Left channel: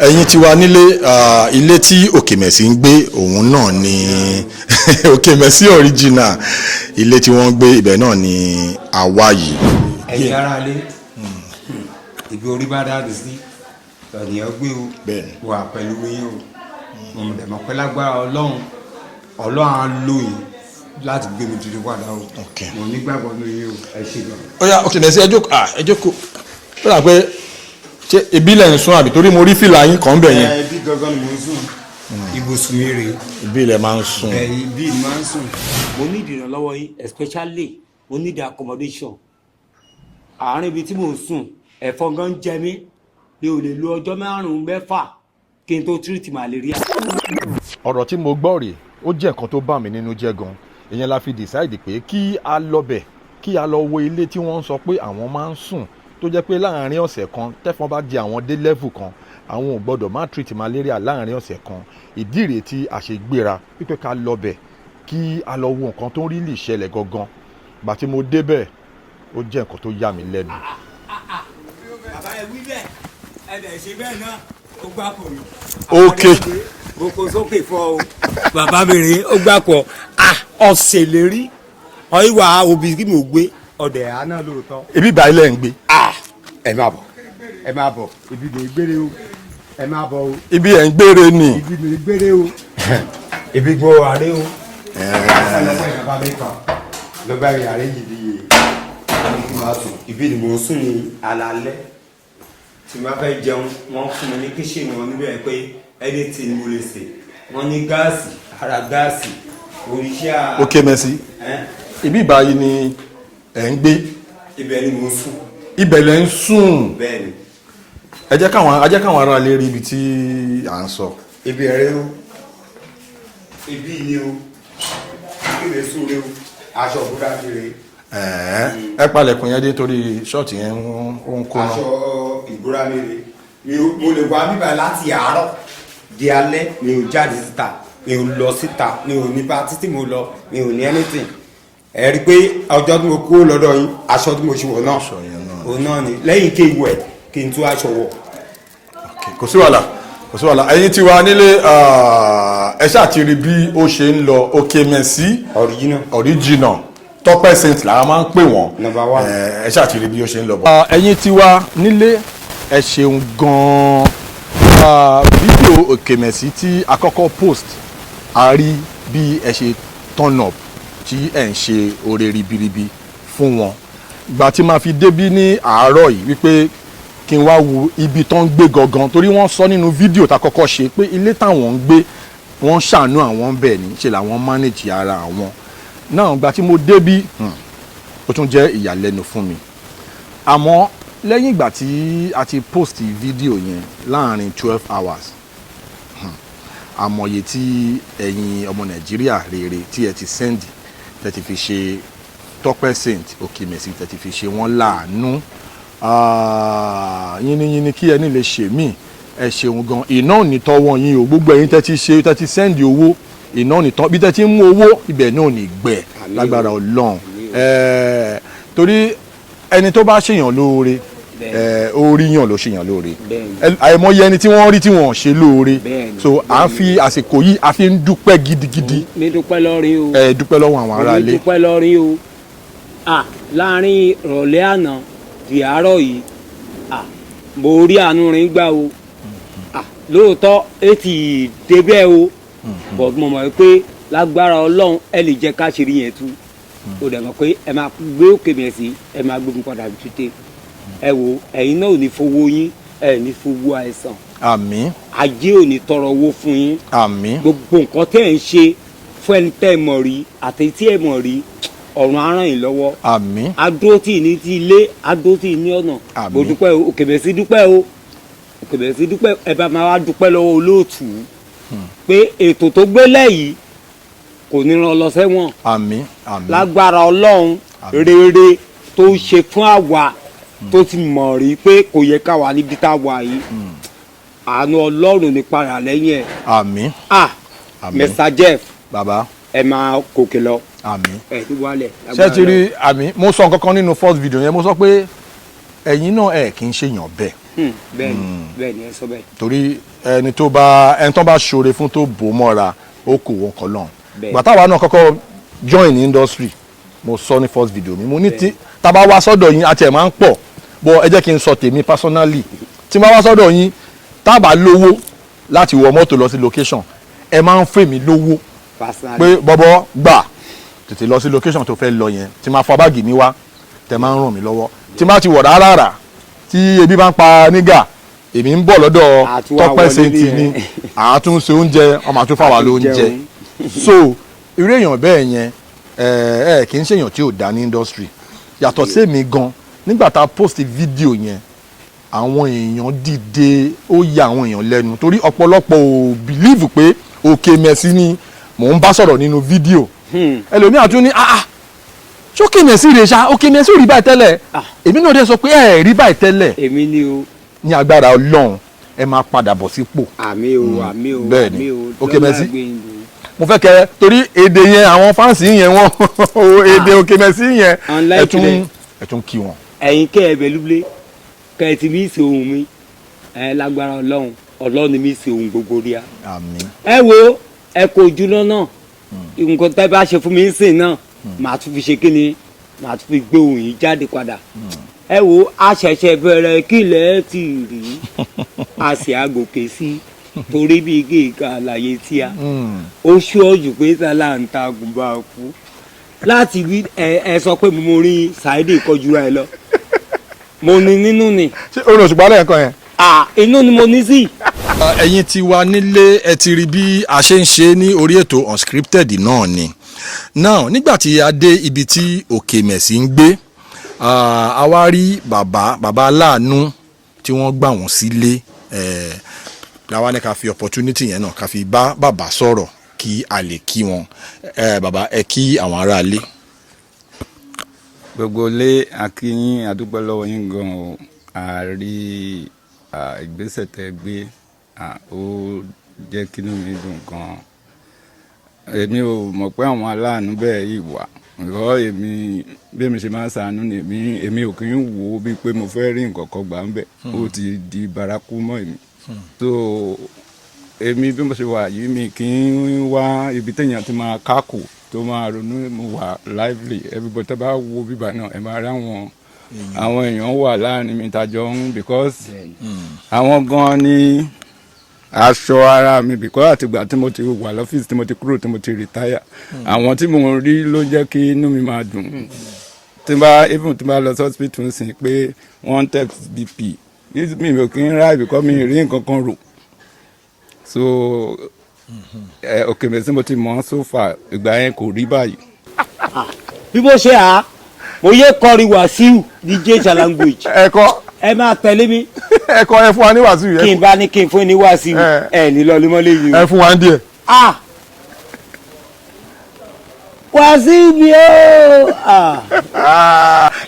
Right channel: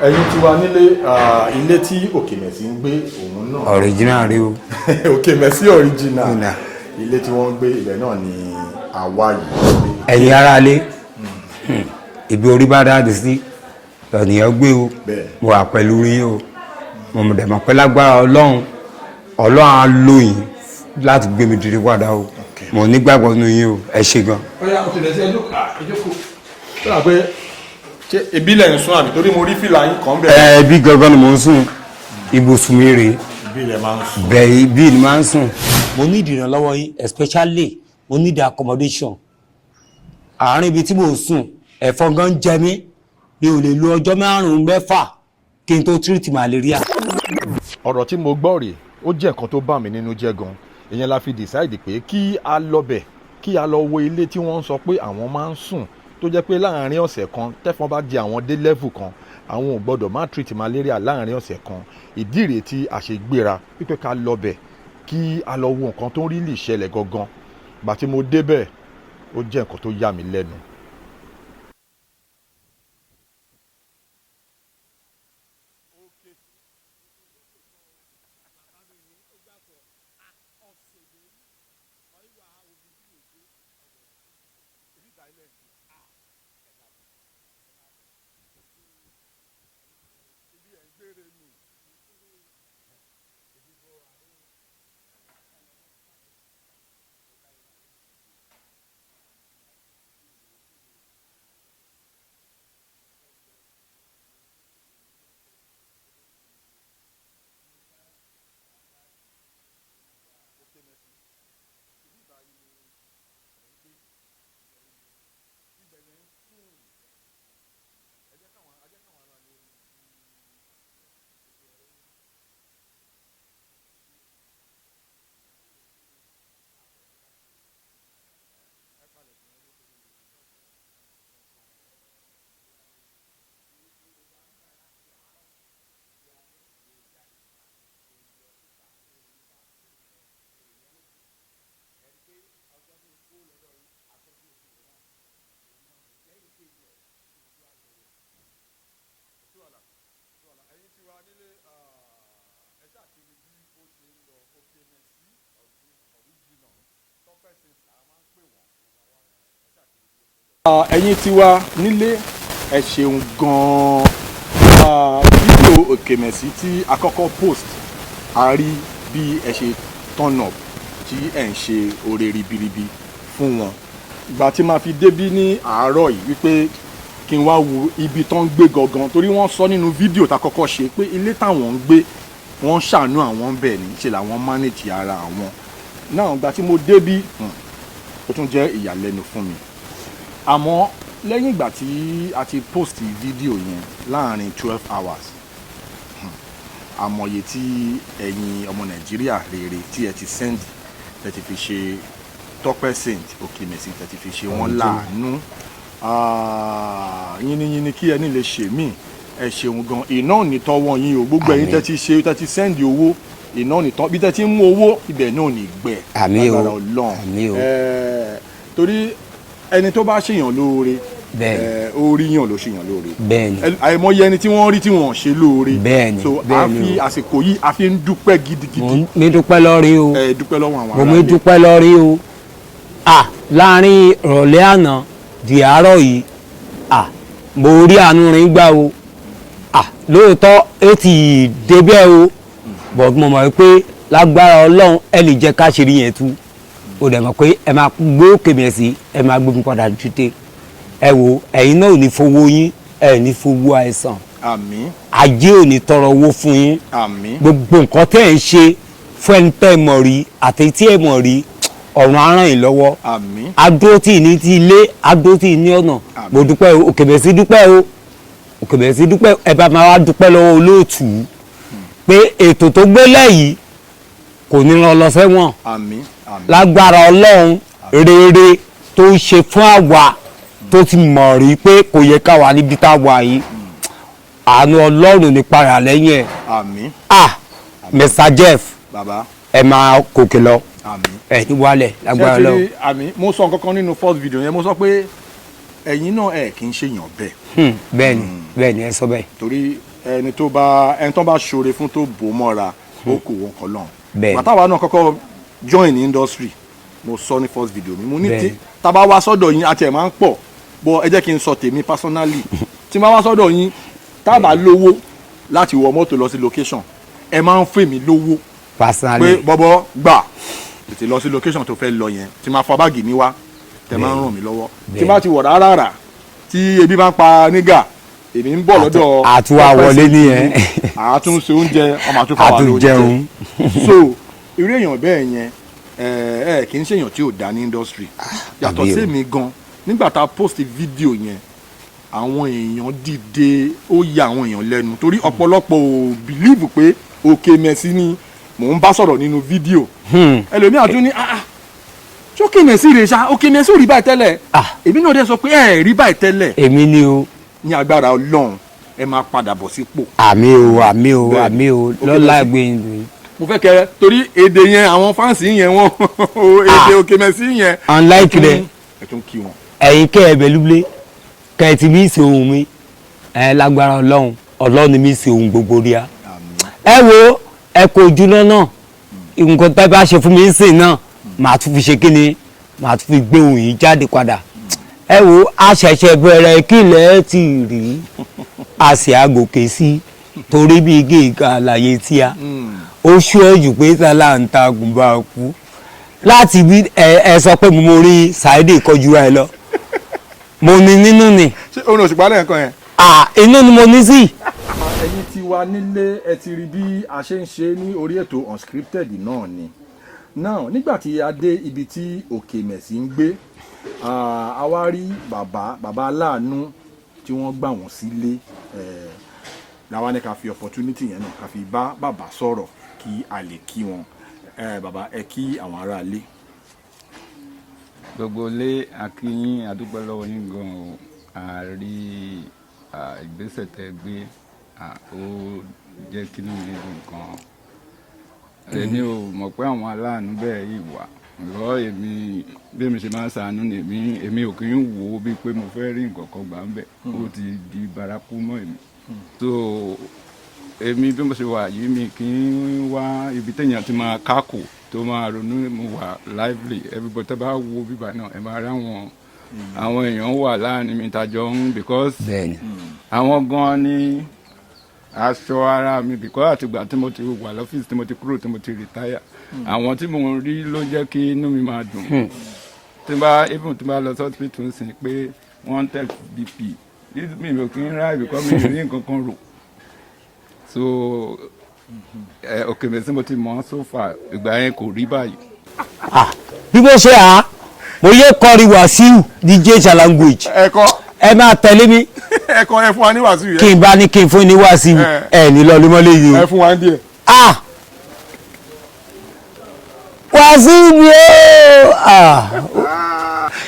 ẹ̀yin ti wà nílé ilé tí Okemesi ń gbé òun náà ni Okemesi original ilé tí wọ́n ń gbé ibẹ̀ náà ni àwa yìí. ẹ̀yin ará ilé ibi orí bá dáadé sí ènìyàn gbé o mo wà pẹ̀lú yín o mo dẹ̀ mọ̀ pé lágbára Ọlọ́run á lò yín láti gbé mi dìde padà o mo nígbàgbọ́ nínú yín o ẹ ṣé gan. ó yá Okemesi ẹ jókòó ó dà pé ṣé ibi lẹ̀ ń sùn àbí torí mo rí fìlà yín kan bẹ̀rẹ̀. ibi gangan ni mo ń sùn ibùsùn mi rèé. ibi lẹ̀ máa ń sùn. bẹ́ẹ̀ ibi ni máa ń sùn. mo ní ìdìrànlọ́wọ́ yín especially mo ní the accommodation àárín ibi tí mo ń sùn ẹ̀fọn gan jẹ mí mi ò lè lo ọjọ́ 5-6 kí n tó treat malaria. ọ̀rọ̀ tí mo gbọ́ rèé ó jẹ́ nǹkan tó bà mí nínú jẹ́ gan ìyẹn la fi decide pé kí a lọ bẹ̀ kí a lọ wo ilé tí wọ́n ń sọ pé àwọn máa ń sùn tó jẹ́ pé láàárín ọ̀sẹ̀ kan tẹ́fọn bá di àwọn dé level kan àwọn ò gbọ́dọ̀ má treat malaria láàárín ọ̀sẹ̀ kan ìdí rèé tí a ṣe gbéra pípẹ́ ká lọ bẹ̀ kí a lọ wo nǹkan tó ń rí lè ṣẹlẹ̀ gangan gbà tí mo débẹ̀ ó jẹ́ nǹkan tó yà mí lẹ́nu. bàbá ẹ wí bẹ́ẹ̀ ẹ dẹ̀ ṣe bẹ́ẹ̀ náà ó gbà pọ̀ mi. ok mo kó sókè fọ o bàbá mi rèé ó gbà pọ̀ ọ̀sẹ̀ lè rí ọ̀ìwà òbí kí mo gbé ọ̀dẹ̀ àná lóòótọ́. ibi ìbá ilẹ̀ ń gbé. ẹ máa bọ̀ ibi lè gbére o ẹ máa bọ̀ o. ibi ẹ̀ ń gbére ni. ibi lè gbére o ibi gbọ́ àárẹ̀ o. ló bá rí àárẹ̀ yìí bí ibi ni mo ń sùn ní alaalẹ́ tí máa fẹ́ jẹun wọ́n fún mi ní kíṣìnì wọn níbẹ̀ pé anything mo lè ṣe wọ́n ní gáàsì ara gáàsì oríṣà. Okemesi ibi ìbáyìí ni ẹ̀ ń gbé. ibẹ̀ ni mo ń sùn. ibẹ̀ lẹ̀ ń sùn. bẹ́ẹ̀ ni. ẹ jẹ́ káwọn ará lè rí ibi tí à ń sọ. ibi ẹ̀rẹ́ o ibi ni o ibi lè sùn lé o aṣọ òbúra kiri. ẹ palẹ̀kùn yẹn dé torí ṣọ́ọ̀tì yẹn ń kó náà. aṣọ ìbúra mi mo lè wá bíbá láti àárọ̀ di alẹ́ mi ò jáde síta mi ò lọ síta mi ò ní pátí tí mo lọ mi ò ní anything ẹ rí i pé ọjọ́ tí mo kúrò lọ́dọ̀ yín aṣọ tí mo ṣe wọ̀ náà òun náà ni lẹ́yìn kí n wẹ̀ kí n tún aṣọ wọ̀. kò sí wàhálà ẹ̀yin tí wà nílé ẹ ṣáà ti rí bí ó ṣe ń lọ Okemesi original Tọ́pẹ́ Saint làwọn máa ń pè wọ́n ẹ ṣáà ti rí bí ó ṣe ń lọ bọ̀. ẹ̀yin tí wà nílé ẹ ṣeun gan-an fídíò Okemesi tí a kọ́kọ́ post a rí bí ẹ ṣe turn up tí ẹ̀ ń ṣe oore ribiribi fún wọn ìgbà tí máa fi débí ní àárọ̀ yìí wípé kí n wá wo ibi tó ń gbé gangan torí wọ́n sọ nínú fídíò tá kọ́kọ́ ṣe pé ilé táwọn ń gbé wọ́n ṣàánú àwọn bẹ́ẹ̀ ní ṣe làwọn manage ara àwọn náà ìgbà tí mo débí ó tún jẹ́ ìyàlẹ́nu fún mi àmọ́ lẹ́yìn ìgbà tí a ti post fídíò yẹn láàrin 12 hours àmọ̀ye tí ẹ̀yin ọmọ Nàìjíríà rere tí ẹ ti send tẹ́tí fi ṣe Tọ́pẹ́ Saint Okemesi tẹ́tí fi ṣe wọ́n láàánú yínníyínní kí ẹni lè ṣe mí ẹ ṣeun gan iná ò ní tọ́wọ́ yín o gbogbo ẹ̀yin tẹ́tí sẹ́ndì owó iná ò ní tọ́ bí tẹ́tí mú owó ibẹ̀ náà ò ní gbẹ lágbára Ọlọ́run torí ẹni tó bá ṣèyàn lóore orí yàn ló ṣèyàn lóore àìmọye ẹni tí wọ́n rí tí wọ́n ṣe lóore so à ń fi àsìkò yìí a fi ń dúpẹ́ gidigidi. mi dúpẹ́ lọ́rí o dúpẹ́ lọ́wọ́ àwọn aráàlú. mi dúpẹ́ lọ́rí o láàrin ìrọ̀lẹ́ àná di àárọ̀ yìí mo rí àánú rìn gbà o lóòótọ́ ó ti débẹ̀ o but mo mọ̀ pé lágbára Ọlọ́run ẹ lè jẹ́ káṣírí yẹn tú o dẹ̀ mọ̀ pé ẹ máa gbé Okemesi ẹ máa gbé mi padà tètè ẹ wo ẹ̀yin náà ò ní fowó yín ẹ ní fowó àìsàn àmín ajé ò ní tọrọ owó fún yín àmín gbogbo nǹkan tẹ́ ẹ̀ ń ṣe fún ẹni tẹ́ ẹ mọ̀ rí àti tí ẹ mọ̀ rí ọ̀run á ràn yín lọ́wọ́ àmín adó tí ì ní ti ilé adó tí ì ní ọ̀nà mo dúpẹ́ o Okemesi dúpẹ́ o Okemesi dúpẹ́ ẹ bá máa wá dúpẹ́ lọ́wọ́ olóòtú pé ètò tó gbélé yìí kò ní lọ sẹ́wọ̀n àmín àmín lágbára Ọlọ́run rere tó ń ṣe fún àwa tó ti mọ̀ rí pé kò yẹ ká wà níbi tá a wà yìí àánú Ọlọ́run ní para lẹ́yìn ẹ̀. àmín. Mr. Jeff baba ẹ máa gòkè lọ. àmín. ẹ ti wálẹ̀ agbára lọ. ṣé ti rí àmín mo sọ nǹkan kan nínú first video yẹn mo sọ pé ẹ̀yin náà ẹ̀ kì í ṣèyàn bẹ́ẹ̀ bẹ́ẹ̀ni ẹ sọ bẹ́ẹ̀. torí ẹni tó bá ṣoore fún tó bò mọ́ra ó kò wọ́n kọ́ lọ́hùn. bàtà wa náà kọ́kọ́ join ní industry mo sọ ní first video ni mo ní tí tá bá wá sọ́dọ̀ yín àti ẹ̀ máa ń pọ̀ bọ́ ẹ jẹ́ kí n sọ tèmi personally tí máa wá sọ́dọ̀ yín tá a bá lówó láti wọ mọ́tò lọ sí location ẹ máa ń fẹ́ mi lówó pé bọ́bọ́ gbà tètè lọ sí location tó fẹ́ lọ yẹn tí máa fa báàgì mi wá tẹ máa ń ràn mí lọ́wọ́ tí máa ti wọ̀ rárá tí ebi bá ń pa nígà èmi ń bọ̀ lọ́dọ̀ ọpẹ́ sí ti ní àtúnṣe oúnjẹ ọmọ àtúnfà wà lóúnjẹ so irú èèyàn bẹ́ẹ̀ yẹn kì í ṣèyàn tí ò dá ní industry yàtọ̀ sí èmi gan nígbà tá a post fídíò yẹn àwọn èèyàn dìde ó ya àwọn èèyàn lẹ́nu torí ọ̀pọ̀lọpọ̀ ò bìlíìfù pé Okemesi ni mò ń bá sọ̀rọ̀ nínú fídíò ẹlòmíà tún ní ṣé Okemesi rè ṣá Okemesi ò rí báyìí tẹ́lẹ̀ èmi náà dé sọ pé ẹ rí báyìí tẹ́lẹ̀ èmi ni o ní agbára Ọlọ́run ẹ máa padà bọ̀ sípò. àmì o lọ́la gbẹ̀yìn. mo fẹ́ kẹ́ torí èdè yẹn àwọn fáǹsì yẹn wọ́n èdè Okemesi yẹn ẹ tún kí wọn. ẹ̀yin kẹ́ ẹ bẹ̀lúblé kẹ́ ẹ ti bí ìṣe ohun mi lágbára Ọlọ́run ni mi ṣe ohun gbogbo rí a. ẹ wo ẹ kò jùlọ náà nǹkan tá a bá ṣe fún mi ń sìn náà màá tún fi ṣe kí ni màá tún fi gbé ohun yìí jáde padà. ẹ wo a ṣẹ̀ṣẹ̀ bẹ̀rẹ̀ kí ilẹ̀ ti rí a sì àgòkè sí torí bí igi ìka àlàyé tí a ó ṣú ẹ̀jù pé sálà ń ta àgùnbà kú láti bí ẹ sọ pé mo rí Saheed kọjú ẹ lọ mo ní nínú ni. ṣé orin òṣùpá náà kọ yẹn. inú ni mo ní sí. ẹ̀yin ti wà nílé ẹ ti rí bí a ṣe ń ṣe ní orí ètò Unscripted náà ni now nígbà tí a dé ibi tí Okemesi ń gbé a wá rí bàbá aláàánú tí wọ́n gbà wọ́n sílé làwa ní ká fi opportunity yẹn náà ká fi bá bàbá sọ̀rọ̀ kí a lè kí wọn bàbá ẹ kí àwọn aráalé. gbogbo ilé akínyìn àdúgbò lọ́wọ́ yín gan o àárí ìgbésẹ̀ tẹ́ gbé ó jẹ́ kí inú mi dùn gan. èmi ò mọ̀ pé àwọn aláàánú bẹ́ẹ̀ yìí wà ìrọ̀ èmi bí mi ṣe máa ń ṣàánú ni èmi ò kì í wò ó bíi pé mo fẹ́ rí nǹkan kan gbà ń bẹ̀ ó ti di baraku mọ́ èmi. so èmi bí mo ṣe wà yìí mi kì í wá ibi téèyàn ti máa kákò tó máa ronú mo wà lively everybody tó bá wo bíbá náà ẹ máa rí àwọn èèyàn wà láàrin mi tàjọ ń because àwọn gan ni aṣọ ara mi because àtìgbà tí mo ti wà lọ́fíìsì tí mo ti kúrò tí mo ti retire àwọn tí mo rí ló jẹ́ kí inú mi máa dùn tí bá lọ sí hospital ń sìn pé wọ́n test BP mi ò kí ń ráì because mi rí nǹkan kan rò so Okemesi mo ti mọ̀ so far ìgbà yẹn kò rí báyìí. bí mo ṣe mo yẹ kọrin Wàsíù DJ language ẹ máa tẹ̀lé mi ẹ fún wa ní Wàsíù yẹn kí n bá ní kí n fún ní Wàsíù ẹ ní lọ lé mọ́lẹ́ yìí o ẹ fún wa díẹ̀. Wàsíù mi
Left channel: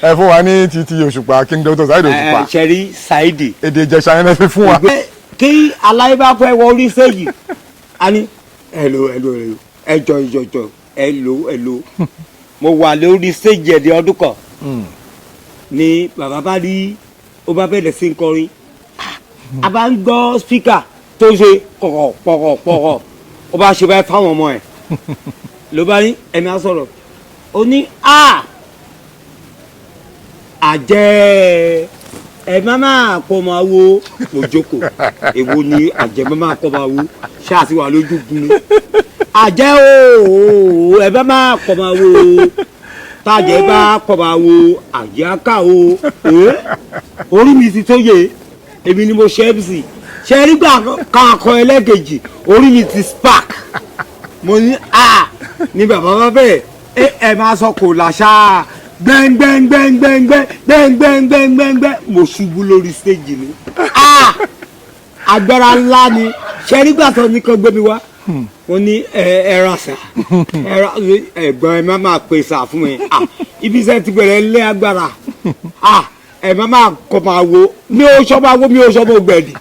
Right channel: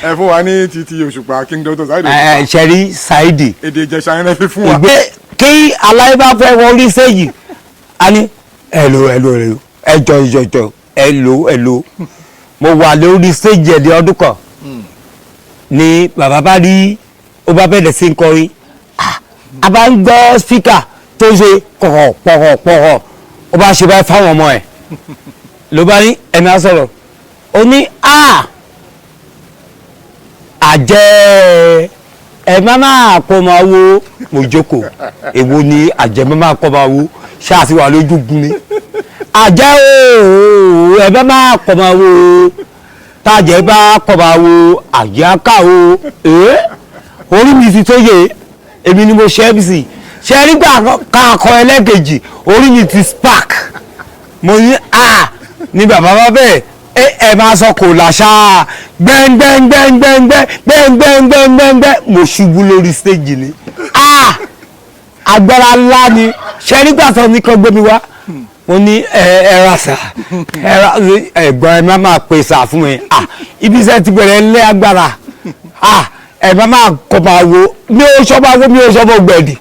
ẹ fún wa ní títí òṣùpá King Dr. Saheed òṣùpá ṣẹ̀rí Saheed èdè Ìjẹ̀ṣà yẹn fi fún wa. kí aláìbá fẹ́ wọ́n rí sẹ́yìn a ní ẹ̀lò ẹ̀jọ̀ ẹ̀lò mo wà lórí stage ẹ̀dẹ̀ ọdún kan ni bàbá bá rí ó bá bẹ̀rẹ̀ sí kọrin a bá ń gbọ́ spíkà tó ṣe pọ̀họ̀ ó bá ṣe báyìí fáwọn ọmọ ẹ̀ ló bá ní ẹ̀mí àsọ̀rọ̀ ó ní àjẹ́ ẹ má máa kọ́ máa wo mo jókòó èwo ni àjẹ́ má máa kọ́ máa wo ṣáàtì wà lójú gun ni àjẹ́ o ẹ má máa kọ́ máa wo tájẹ́ bá kọ́ máa wo àjẹ́ aká o orí mi ti tó yẹ èmi ni mo ṣe mc ṣe nígbà kakọ ẹlẹ́kejì orí mi ti spark mo ní ní bàbá bá bẹ́ẹ̀ ẹ máa sọ kò làṣà gbẹ́ngbẹ́ngbẹ́ngbẹ́ngbẹ́ngbẹ́ngbẹ́ngbẹ́ mo ṣubú lórí stage ni agbára ńlá ni ṣe nígbà tó ní kan gbé mi wá mo ní ẹ ra sà ẹ̀gbọ́n ẹ má máa pè sà fún mi ibi iṣẹ́ ti bẹ̀rẹ̀ ńlẹ́ agbára ẹ má máa kọ́ máa wo mi ò sọ́ba wo mi ò sọ́ba gbẹ̀dì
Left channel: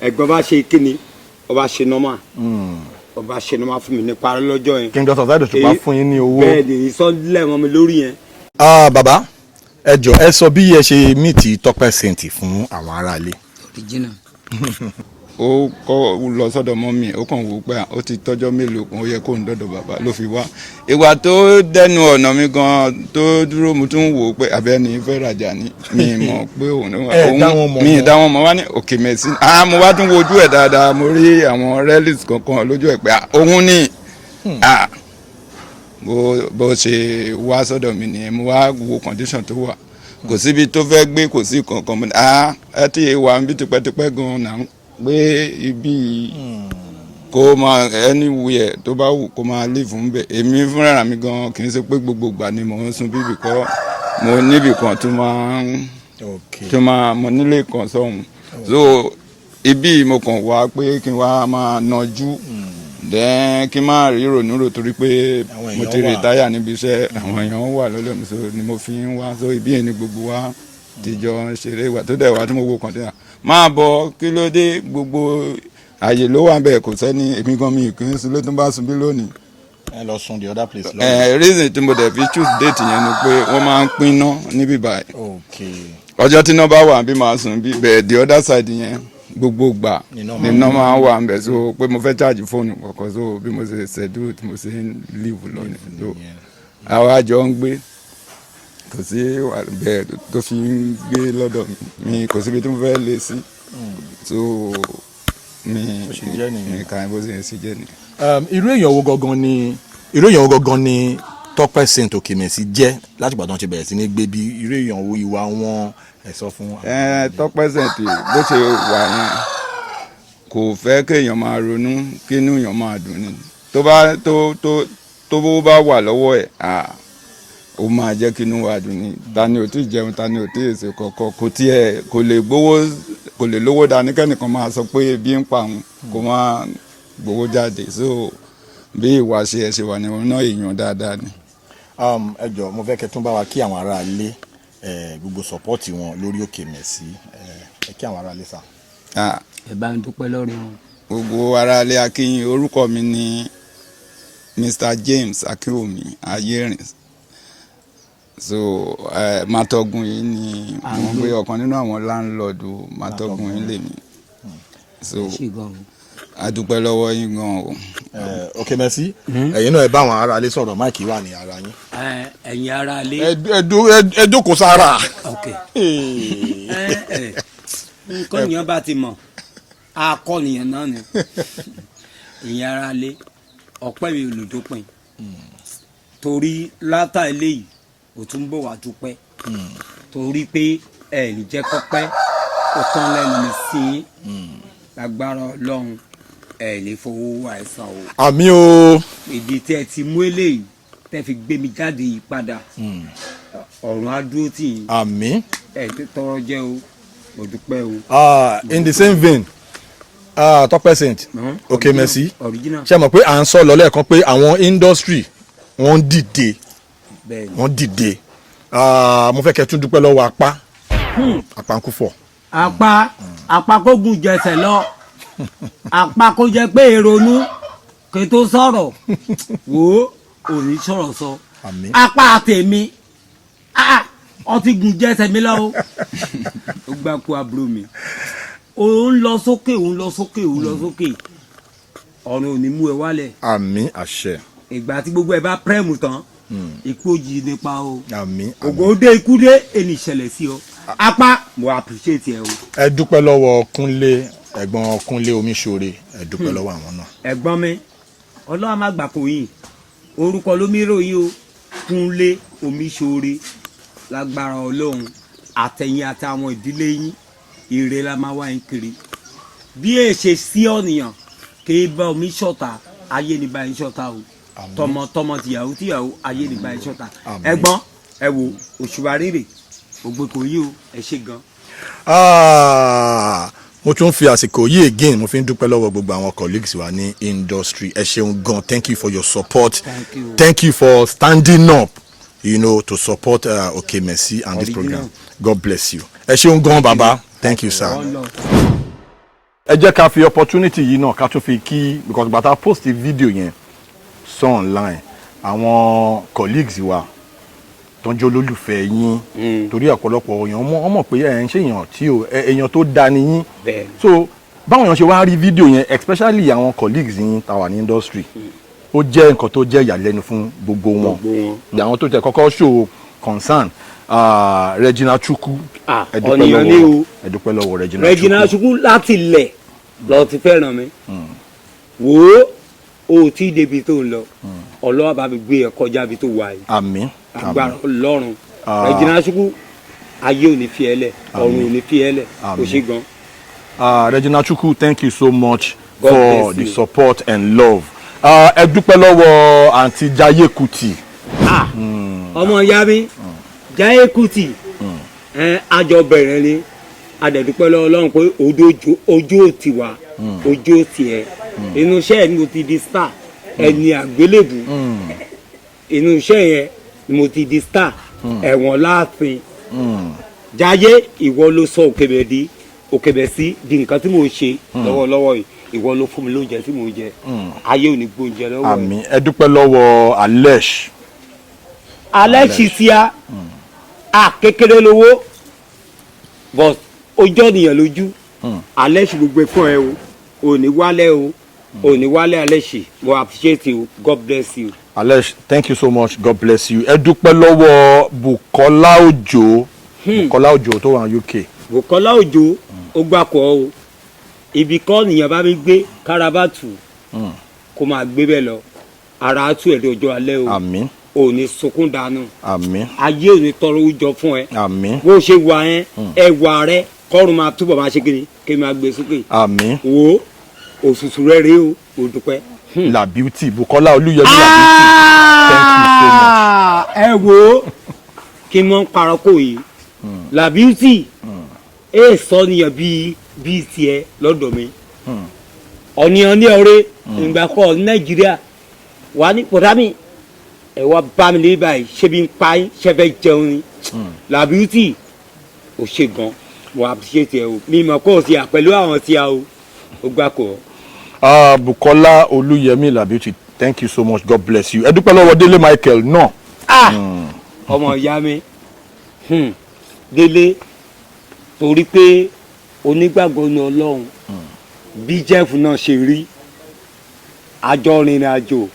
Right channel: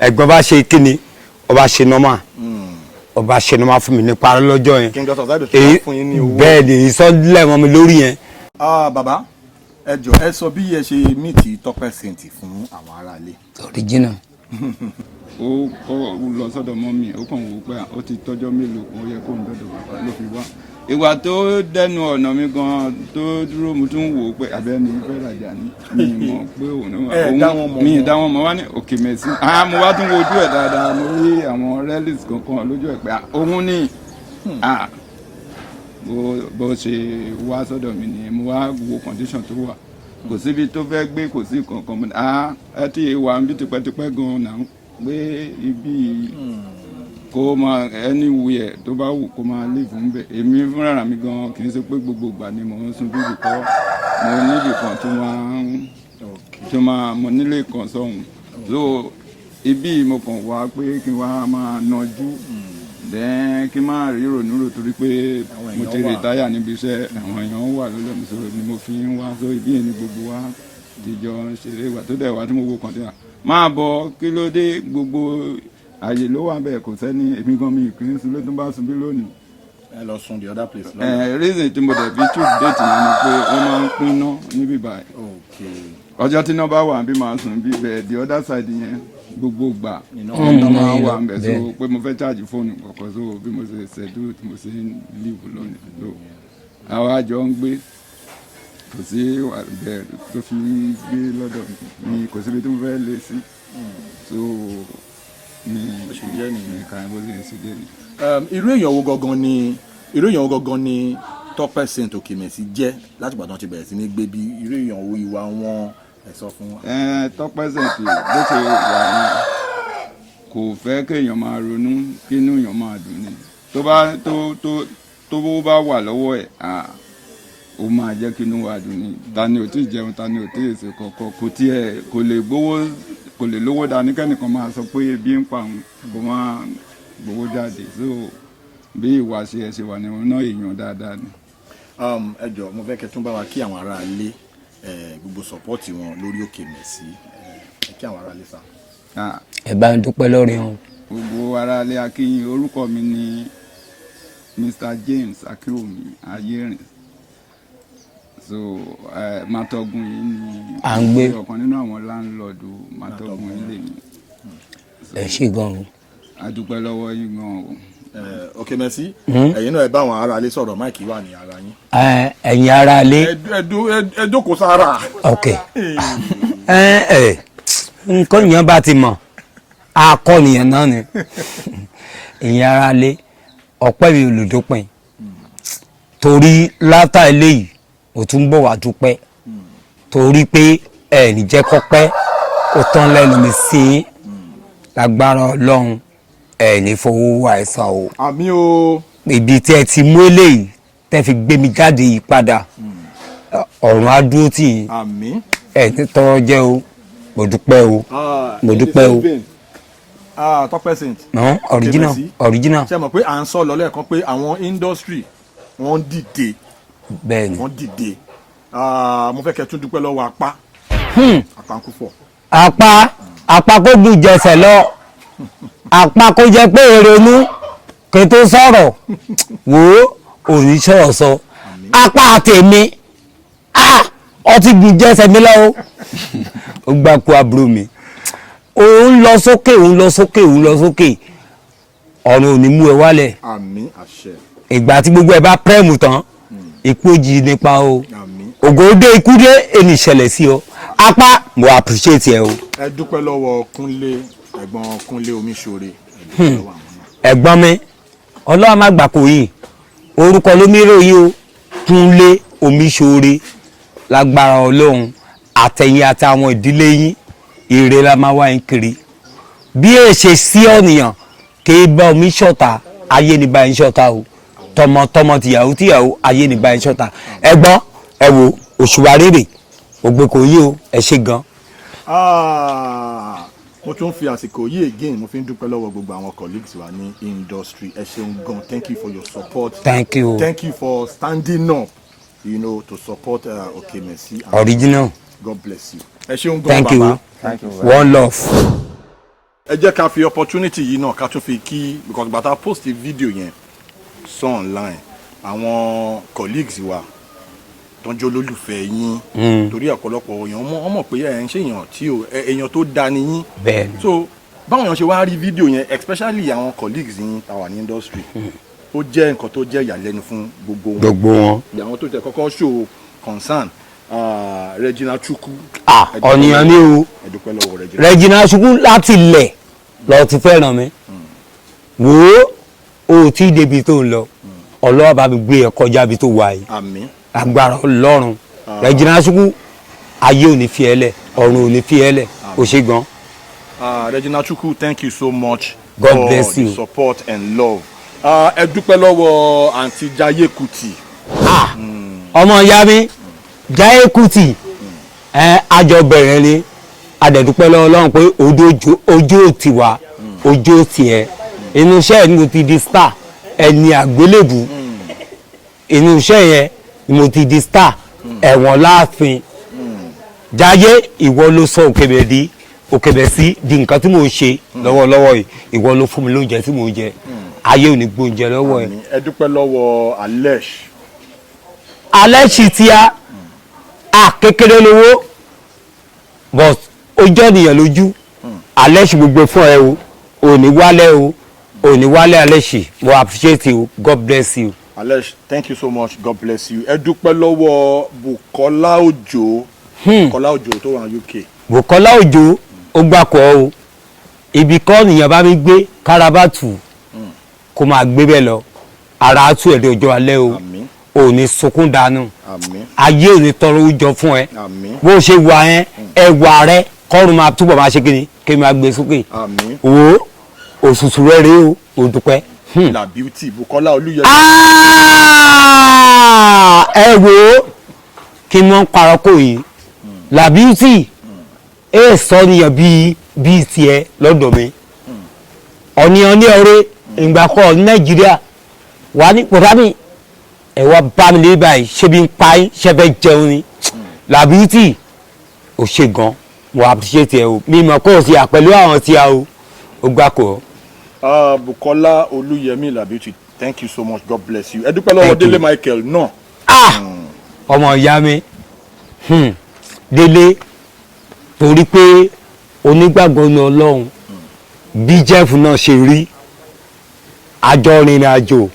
ẹ̀gbọ́n bá ṣe kíni ọba ṣe nọ́mà ọba ṣe nọ́mà fún mi nípa lọ́jọ́ yẹn King Dr. Saheed òṣùpá fún yín ní owó bẹ́ẹ̀ ni ìsọdílẹ̀ wọn mi lórí yẹn. bàbá ẹ jọ ẹ sọ bí ẹ ṣe mìtì Tọ́pẹ́ Saint fún àwọn aráalé. original. ó kọ́ lọ sọ́dọ̀ mọ́mì ó kàn wò pé ó ti tọ́jọ́ mélòó kan ó yẹ kó ń dọ́dọ̀ bàbá ló fi wá ìgbà tó dẹnu ọ̀nà mi gan tó dúró mo tún wò ó pé abẹ́ni fẹ́ rajà ní mi mọ̀ pé òun mi dá wọn mọ̀ wá ní Okemesi mo wá tún wojú ẹ̀ dáadáa mo rí àwọn relics kankan lójú ẹ̀ pé òun ní bó ṣe wá sọ́dọ̀ mi nìyẹn mo wá wo condition tó wà kò síbi tó fẹ́ gbé kò sí kankan ẹ ti wà ń bí tipẹ́tipẹ́ gan-an náà pé ibi kó máa anywhere tó bá wù kó máa lè fún bẹ́ẹ̀ èmi fúnra mi gan kì í ṣe pé gbogbo ìgbà ni mò ń sun bíbí kọ́ mo níbì kan tó máa mo nílé kan sọ́hun so ibi mo kàn wá pé kí n wá máa nájú then kí n má rí rònúrò torí pé mo ti rìtáyà níbi iṣẹ́ àwọn èèyàn wà lọ́lọ́mù so ni mo fi ń wá so ibi yẹn ni gbogbo wa tìjọ ṣeré ìwà tó dẹ̀ wá tí mo wo kọ̀ǹtẹ́nà máa bọ̀ kí ló dé gbogbo àyè ló wà bẹ́ẹ̀ kò sẹ́ni èmi gan mi kì í sun ló tún bá sun bí lónìí. ẹ lọ sun the other place lọ. reason tí mo dẹ̀ fi choose date yẹn ni pé wọ́n máa ń pín iná níbí báyìí. ọjọ́ tí iná bá wà bí máa sun bí bẹ́ẹ̀ the other side yẹn gbogbo gbà iná máa ń wà ń bẹ̀ so pé mo fẹ́ charge fóònù kọ̀ọ̀kan so bí mo ṣe ṣẹ̀dú tí mo ṣe ń live lónìí so àwọn àjọ ń gbé kò sí bẹ́ẹ̀ tó fi ń gbé lọ́dọ̀ mi kò síbi tó fẹ́ lé sí so mi kàn bó ṣe ń ṣe jẹ́ ni. irú èèyàn wo gangan ni Tọ́pẹ́ Saint Okemesi jẹ́ láti ìgbà tí wọ́n ti bẹ̀rẹ̀ sí ní gbé bí irú èèyàn wo ìwà wọn ẹ sọ fún wa. Tọ́pẹ́ Saint bó ṣe wà yẹn kò fẹ́ kéèyàn máa ronú kínú èèyàn máa dùn ni tó bá wà lọ́wọ́ ẹ̀ ó máa jẹ́ kí inú wa dùn ní tani ò tí ì jẹun tani ò tí ì ṣe kọ̀ọ̀kan kò lè lówó dání kẹ́nìkan máa sọ pé ebi ń pa òun kó máa gbowó jáde so bí ìwà ṣe wà ní ọ̀nà èèyàn dáadáa ni. ẹ jọ̀ọ́ mo fẹ́ kẹ́ tún bá wa kí àwọn ará ilé gbogbo sọ́pọ́ọ̀tì wọn lórí Okemesi ẹ kí àwọn ará ilé sá. ẹ bá ń dúpẹ́ lórí wọn. gbogbo ará ilé akínyìn orúkọ mi ni Mr. James Akínwùmí Ayérìn so Matogun yìí ni ọ̀kan nínú àwọn láńlọ́ọ̀dù Matogun yìí lè ní. ẹ ṣì gan-an. a dúpẹ́ lọ́wọ́ yín gan-an o. Okemesi ẹ̀yin náà ẹ bá àwọn ará ilé sọ̀rọ̀ máìkì wà ní ara yín. ẹ̀yin ará ilé. ẹ jókòó sára. ok nǹkan yẹn bá ti mọ̀ akọ́nìyàn náà ni ẹ̀yin ará ilé ọpẹ́ mi olùdópin torí látà eléyìí ó tún bọ̀ wá dúpẹ́ torí pé ẹ̀ẹ́nì jẹ́ kọ́pẹ́ ó tán lẹ́nu mi sí lágbára Ọlọ́run ẹ̀ẹ́nì fowó wà ẹ̀sán o. àmín o. ibi tí ẹ ti mú eléyìí tẹ́ fi gbé mi jáde yìí padà ọ̀run á dúró tì í. àmín. ẹ̀ẹ́nì tọrọ jẹ́ o mo dúpẹ́ o. in the same vein Tọ́pẹ́ Saint Okemesi original. ṣe mọ̀ pé à ń sọ lọ lẹ́ẹ̀kan pé àwọn industry wọ́n dìde bẹ́ẹ̀ni wọ́n dìde mo fẹ́ kẹ́ tún dúpẹ́ lọ́wọ́ apá Àpánkúfọ̀. apá kó gùn jẹsẹ̀ lọ apá kó jẹ pé èrònú kí tó sọ̀rọ̀ wò ó òní sọ̀rọ̀ sọ apá tèmi ọtí gùn jẹsẹ̀ mi lọ́wọ́ ó gbà kú àbúrò mi òun lọ sókè ọ̀run ò ní mú ẹ wálẹ̀. àmín àṣẹ. ìgbà tí gbogbo ẹ bá pẹ́ẹ̀mù tán ikú òjì nípa o àmín. ògòdè ikú dé ẹni ìṣẹ̀lẹ̀ sí ọ apá mo appreciate ẹ o. ẹ dúpẹ́ lọ́wọ́ Kúnlé ẹ̀gbọ́n Kúnlé Omíṣore ẹ dúpẹ́ lọ́wọ́ àwọn náà. ẹ̀gbọ́n mi ọlọ́run má gbà kó yìí orúkọ ló mi ròyìn o Kúnlé Omíṣore lágbára Ọlọ́run àtẹ̀yìn àtàwọn ìdílé yín ire la máa wá yín kiri bí èṣe sí ọ̀nìyàn kì í bá omi ṣọ̀tá ayé ní bá yín ṣọ̀tá o tọmọtọmọ tìyàwó ayé ní bá yín ṣọ̀tá ẹ̀gbọ́n ẹ wo òṣùwà rèrè ògbé kò yí o ẹ ṣe gan. mo tún fi àsìkò yìí again mo fi ń dúpẹ́ lọ́wọ́ gbogbo àwọn colleagues wa ní industry ẹ ṣeun gan thank you for your support thank you for standing up to support Okemesi and original God bless you ẹ ṣeun gan baba thank you sir. one love. ẹ jẹ́ ká fi opportunity yìí náà ká tún fi kí because bàtà post video yẹn sọ online àwọn colleagues wa tó ń jẹ́ olólùfẹ́ yín torí ọ̀pọ̀lọpọ̀ èèyàn wọ́n mọ̀ pé ẹ̀ ń ṣe èèyàn tí èèyàn tó da ni yín so báwọn èèyàn ṣe wá rí fídíò yẹn especially àwọn colleagues yín tàwa ní industry ó jẹ́ nǹkan tó jẹ́ ìyàlẹ́nu fún gbogbo wọn àwọn tó tẹ kọ́kọ́ show concern Regina Chukwu ọ̀nìyàn ní o ẹ̀dúpẹ́ lọ́wọ́ Regina Chukwu láti ilẹ̀ lọ ti fẹ́ràn mi wò ó tí débi tó ń lọ Ọlọ́run bá mi gbé ẹ kọjá bí tó wà yìí àmín agbára Ọlọ́run Regina Chukwu ayé ò ní fi ẹ́ lẹ̀ ọ̀run ò ní fi ẹ́ lẹ̀ ó ṣe gan. Regina Chukwu, thank you so much God for bless the you. support and love. Ẹ dúpẹ́ lọ́wọ́ àǹtí Jaiye Kuti. Ọmọ ìyá mi Jaiye Kuti àjọ bẹ̀rẹ̀ ni adẹ̀dúpẹ́ lọ́wọ́ Ọlọ́run pé ojú ò ti wá ojú ò ti ẹ̀ inú iṣẹ́ yẹn ni mo ti di star ẹni àgbélébù inú iṣẹ́ yẹn ni mo ti di star ẹ̀wọ̀n láàfin Jaiye ìwọ ló sọ Okemesi di nǹkan tí mò ń ṣe lọ́wọ́lọ́wọ́ yìí ìwọ ló fún mi lóúnjẹ tí mò ń jẹ ayé ò ní gbóúnjẹ lọ́wọ́ ẹ̀. àmín ẹ dúpẹ́ lọ́wọ́ Alesh. Alesh tí a kékeré lówó but ó jẹ́ ènìyàn lójú Alesh gbogbo fún ẹ o ò ní wálé Alesh mo appreciate you God bless you. Alesh, thank you so much, God bless you. Ẹ dúpẹ́ lọ́wọ́ Bukola Ojo tó wà ní UK. Bukola Ojo ó gbàkọ́ o ibi kọ́ nìyẹn bá mi gbé kárabátù kó máa gbé bẹ́ẹ̀ lọ ara á tú ẹ̀dẹ̀ ọjọ́ alẹ́ o ò ní sunkún dànù ayé ò ní tọrọ oúnjẹ fún ẹ bó ṣe wà ẹ ẹwà rẹ kọ́run máa túbọ̀ máa ṣe kiri kí n máa gbé sókè wo òṣùṣù rẹ rèé o ò dúpẹ́. La Beauty Bukola Olúyọ̀lé La Beauty. ẹ wo kí n mọ parọ́ kò yìí La Beauty ẹ sọ nìyẹn bíi tiẹ̀ lọ́dọ̀ mi ọ̀nìyàn ní ọ̀rẹ́ ìgbà kan ní Nàìjíríà wà ní pọ̀tàbí ẹ wá bá mi lé báyìí ṣé bí n pa yín ṣe fẹ́ jẹun ni La Beauty ò ṣe gan wà á ṣe tiẹ̀ o mi mọ̀ kó o ṣe àpẹ̀lú àwọn tí a o ó gbà kó. Bukola Olúyẹmí La Beauty, thank you so much, God bless you. Ẹ dúpẹ́ lọ́wọ́ Délé Michael náà. ọmọ ìyá mi Délé torí pé onígbàgbọ́ ní Ọlọ́run bí Jeff náà ṣe rí àjọ rìnrìn àjò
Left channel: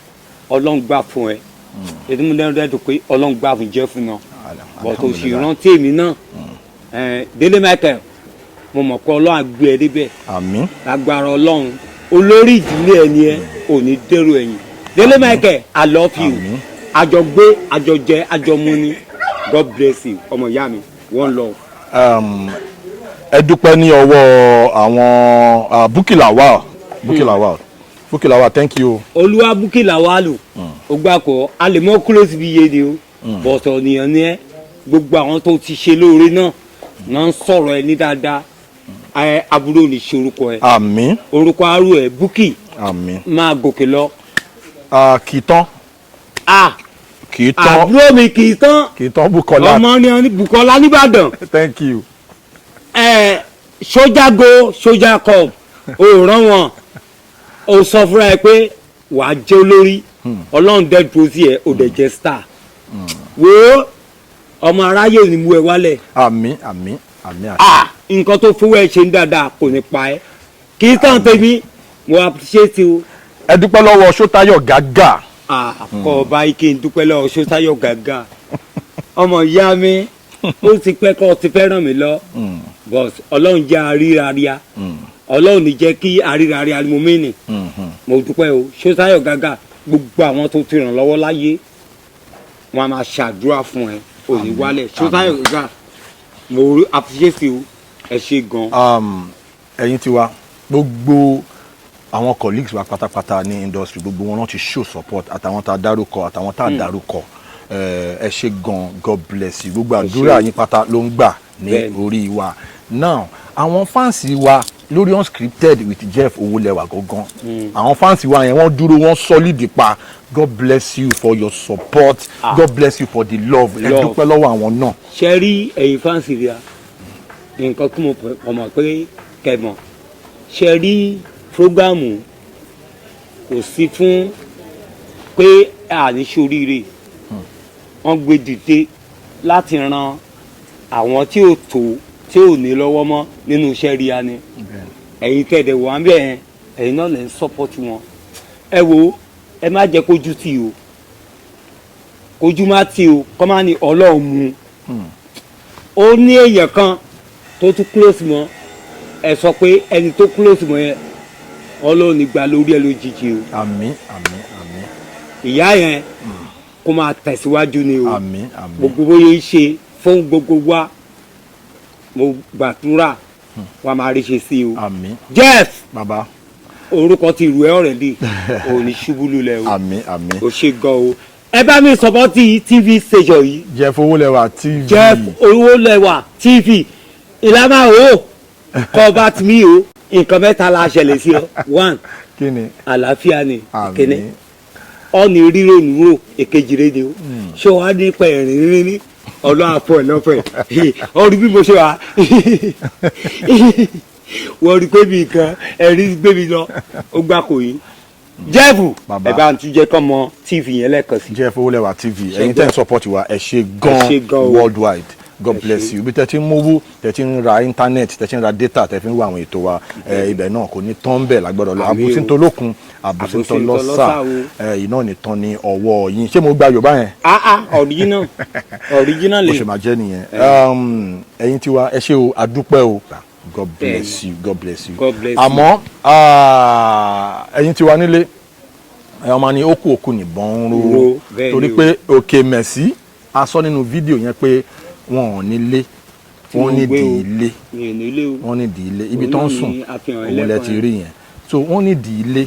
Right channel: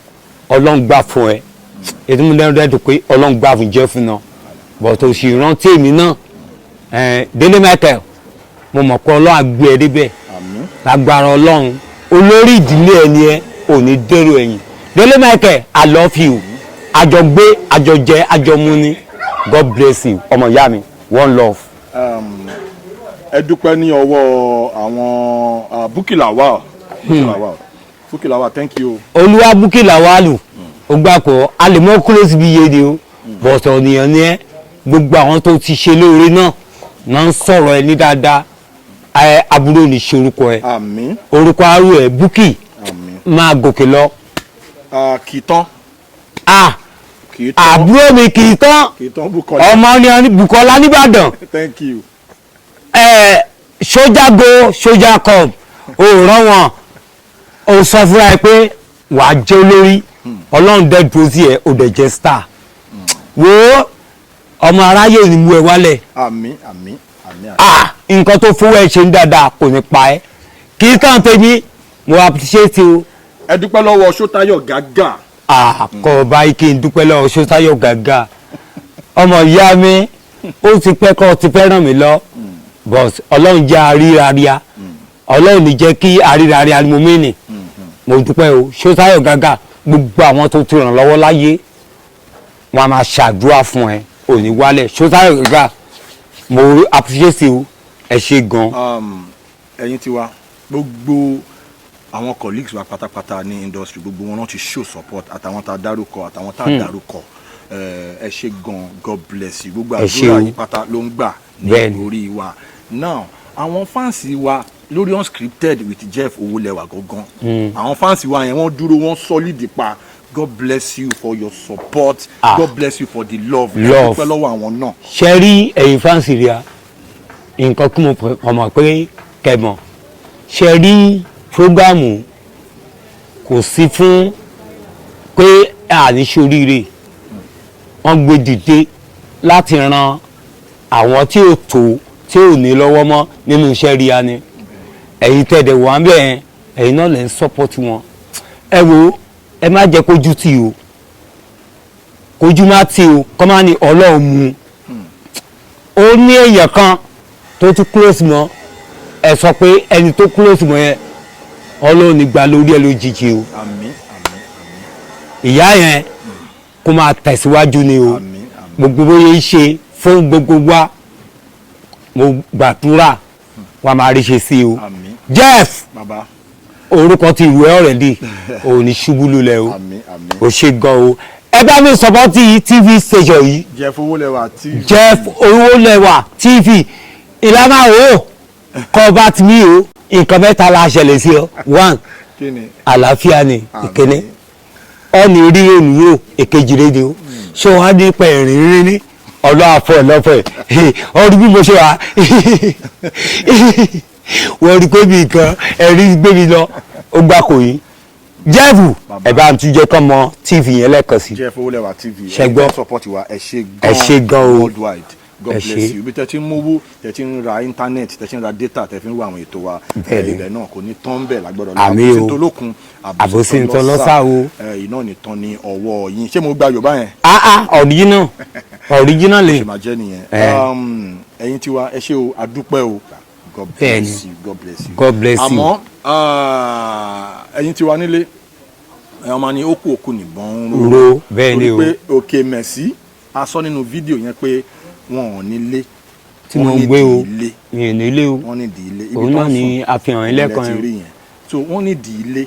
Ọlọ́run gbà fún ẹ ètò mi lẹ́nu rẹ̀ dùn pé Ọlọ́run gbà fún Jeff náà bọ̀tò sì rántí èmi náà Délé Michael mo mọ̀ pé Ọlọ́run àgbẹ̀ ẹ débẹ̀ lágbára Ọlọ́run olórí ìdílé ẹni ẹ ò ní dèrò ẹ̀yìn Délé Michael I love you àjọ gbé àjọ jẹ àjọ mu ni God bless you ọmọ ìyá mi one love. Ẹ dúpẹ́ ní ọwọ́ àwọn Bukky Lawal, thank you. Olúwa Bukky Lawal ó gbà kó a lè mọ close bí yé ni o bọ̀tọ̀ ènìyàn ni ẹ gbogbo àwọn tó ti ṣe lóore náà ń sọ̀rọ̀ ẹ ní dáadáa àbúrò ní ṣe orúkọ ẹ orúkọ arú ẹ Bukky máa gòkè lọ. Kìtàn. àbúrò mi Kìtàn ọmọ ní Bukola nìbàdàn. Thank you. Sójà go sójà come ó rán wọn ó sọ fúnra ẹ pé wàá jẹ́ olórí Ọlọ́run dẹ́ dúró sí ẹ ó dẹ̀ jẹ́ star wo ọmọ aráyé ò ní mú ẹ wálẹ̀. àmín. nǹkan tó fowó ẹ ṣe ń dáadáa kò ní pa ẹ kì í kàn tẹ́bí mo appreciate o. Ẹ dúpẹ́ lọ́wọ́ Ṣótáyọ̀ Gágà. kọ́ báyìí kí n dúpẹ́ lọ́wọ́ Ṣótáyọ̀ Gágà ọmọ ìyá mi ó ti pẹ́ kọ́ ti fẹ́ ràn mí lọ but Ọlọ́run jẹ́ àríraríà Ọlọ́run ní jẹ́ kí àríraríà ni mo mìíní mo dúpẹ́ o Ṣótáyọ̀ Gágà gbogbo àwọn tó ti ràn lọ́wọ́ láyé wọn a máa ṣàdúrà fún ẹ òní wálẹ̀ Ṣótáyọ̀ Gágà mo appreciate o ẹ ṣe gan. Ẹ̀yin tiwa gbogbo àwọn colleagues wa pátápátá ní industry gbogbo wọn náà ti show support àtàwọn tá a dárúkọ àtàwọn tá a dárúkọ ẹ ṣe gan God bless you gbogbo àdúrà yín pátá ló ń gbà ní orí wa now àwọn fáǹsì wa lórí Unscripted with Jeff Owolewa gangan àwọn fáǹsì wa yẹn wọ́n dúró wọ́n solid pa God bless you for your support God bless you for the love ẹ dúpẹ́ lọ́wọ́ àwọn náà. ṣe rí ẹ̀yin fáǹsì rí a nǹkan kí mo mọ̀ pé kẹmọ̀ ṣe rí prógámù kò sí fún pé àní ṣoríire wọ́n gbé dìde láti ran àwọn tí ò tó tí ò ní lọ́wọ́ mọ́ nínú iṣẹ́ ríya ni ẹ̀yin tẹ̀dẹ̀ wà ń bẹ̀ ẹ̀yin náà lè ń sọ́pọ́tì wọn ẹ wo ẹ má jẹ́ kójú tì o kójú má tì o kọ́ má ní ọlọ́run mu ó ní èèyàn kan tó tún close mọ́ ẹ sọ pé ẹni tó close mọ́ yẹn ọlọ́run ní gba lórí ẹ lójijì o àmín àmín àmín ìyá yẹn kó máa tẹ̀síwájú ni o àmín àmín gbogbo bóyá ń ṣe fún gbogbo wa mo gbàdúrà wa máa rí ṣe sí o àmín Jeff bàbá orúkọ ti ìwé ọ̀rẹ́dì ò ní ṣubú lulẹ̀ o àmín àmín ò ṣe gan o ẹ bá mi sọpọ́tì TV station yìí Jeff Owolewa TV Jeff Owolewa TV ìlànà o kọ́ bá ti mí o nǹkan mẹ́ta la ṣẹlẹ̀ sí ọ one kí ni àlàáfíà ni ìkíní ọ̀nì rí olùwò èkejì rédíò ṣé wàá ní pẹ̀rín rí ní ọ̀dọ́ àfẹ́ lọ́fẹ̀ ọdún bí mo ṣe wà wọ́n rí pé mi nǹkan ẹ̀rí gbé mi lọ ó gbà kò yín Jeff ẹ bá ń túnjẹ kọ́ mọ TV yẹn lẹ́ẹ̀kan sí. Jeff Owolewa TV Ṣé ẹ gbọ́? gbọ́ support wa ẹ ṣé ṣé gan o. worldwide God Ẹ bless ṣé. you bí tẹ́ ti ń mówó tẹ́ ti ń ra internet tẹ́ ti ń ra data tẹ́ fi ń wo àwọn ètò wa ibẹ̀ náà kò ní tán bẹ́ẹ̀ lágbọ́dọ̀ lọ Àmín o. àbòsí tó lókun Àbòsí tó lọ́sà o. iná ní tán ní ọwọ́ yín ṣé mo gba Yorùbá yẹn original lè ṣe máa jẹ́ nìyẹn ẹ̀yin tiwa ẹ ṣé o adúpẹ́ o God bless you God bless you God bless you. àmọ́ ẹ̀yin tiwa nílé ẹ̀yàn máa ní ókú òkú nìbọn ń ro bẹ́ẹ̀ ni torí o. pé Okemesi a sọ nínú fídíò yẹn pé wọn ò nílé Tí mo wọ́n ní gbé o. di ilé mi ò nílé o wọ́n ní di ilé ibi Òun tó náà ń ni sùn àfihàn ilẹ̀ ẹlẹ́kan ti yẹn. rí yẹn so wọ́n ní di ilé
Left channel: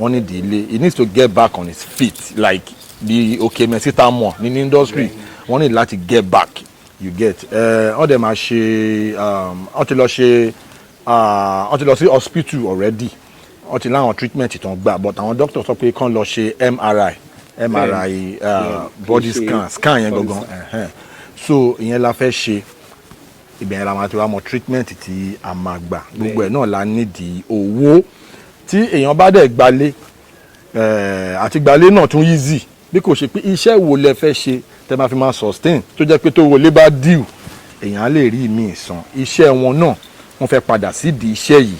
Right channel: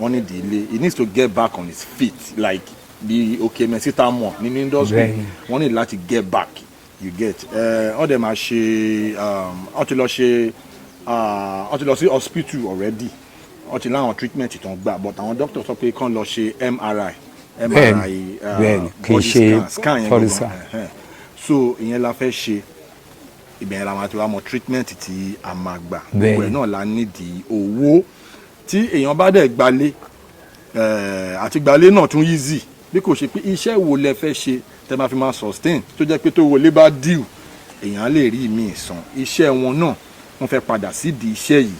wọ́n ní di ilé he needs to get back on his feet like the Okemesi tá a mọ̀ nínú industry Bẹ́ẹ̀ni. wọ́n ní láti get back you get wọ́n dẹ̀ máa ṣe wọ́n ti lọ ṣe wọ́n ti lọ sí hospital already wọ́n ti láwọn treatment tó ń gbà but àwọn doctor sọ pé kán lọ ṣe MRI Bẹ́ẹ̀ni, kì í body ṣe scan yẹn body gbọ̀ngàn so ìyẹn la fẹ́ ṣe ibẹ̀ yẹn la máa ti wá mọ treatment tí a máa gbà gbogbo ẹ̀ náà la nídìí owó tí èèyàn bá dẹ̀ gbalé àti gbalé náà tún easy bí kò ṣe pé iṣẹ́ wo lẹ fẹ́ ṣe tẹ́ máa fi máa sustain tó jẹ́ pé tó wọlé bá deal èèyàn á lè rí ìmí ìsan iṣẹ́ wọn náà wọ́n fẹ́ padà sídìí iṣẹ́ yìí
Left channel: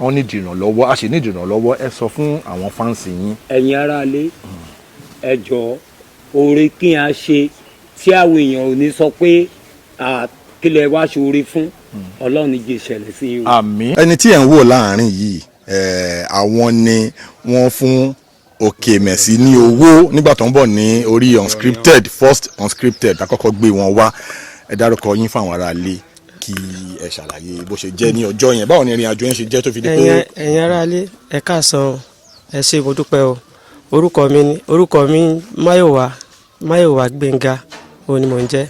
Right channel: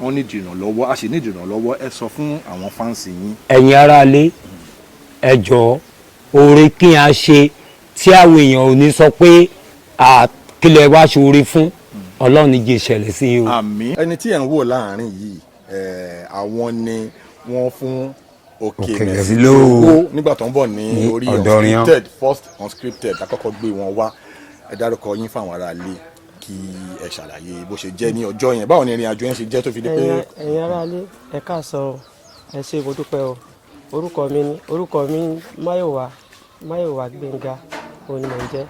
wọ́n ní ìdìrànlọ́wọ́ a ṣe ní ìdìrànlọ́wọ́ ẹ sọ fún àwọn fáǹsì yín. ẹ̀yin aráalé ẹ jọ̀ọ́ oore kí a ṣe tí àwọn èèyàn ò ní sọ pé kílẹ̀ wá ṣoore fún Ọlọ́run ní jẹ́ ìṣẹ̀lẹ̀ sí o. àmín. ẹni tí ẹ̀ ń wò láàrin yìí àwọn ni wọ́n fún Okemesi ní owó nígbà tó ń bọ̀ ní orí ọ̀dọ̀ Unscripted first Unscripted àkọ́kọ́ gbé wọn wá ẹ dárúkọ yín fáwọn aráalé kí ẹ ṣàlàyé bó ṣe jẹ́ ní ọjọ́ yẹn báwo ni ìrìn àjò yẹn ṣe jẹ́ tó fi di pé. ẹ̀yin aráalé ẹ káàsán ẹ ṣé mo dúpẹ́ o orúkọ mi Máyọ̀wá Gbénga òun ni mò ń jẹ́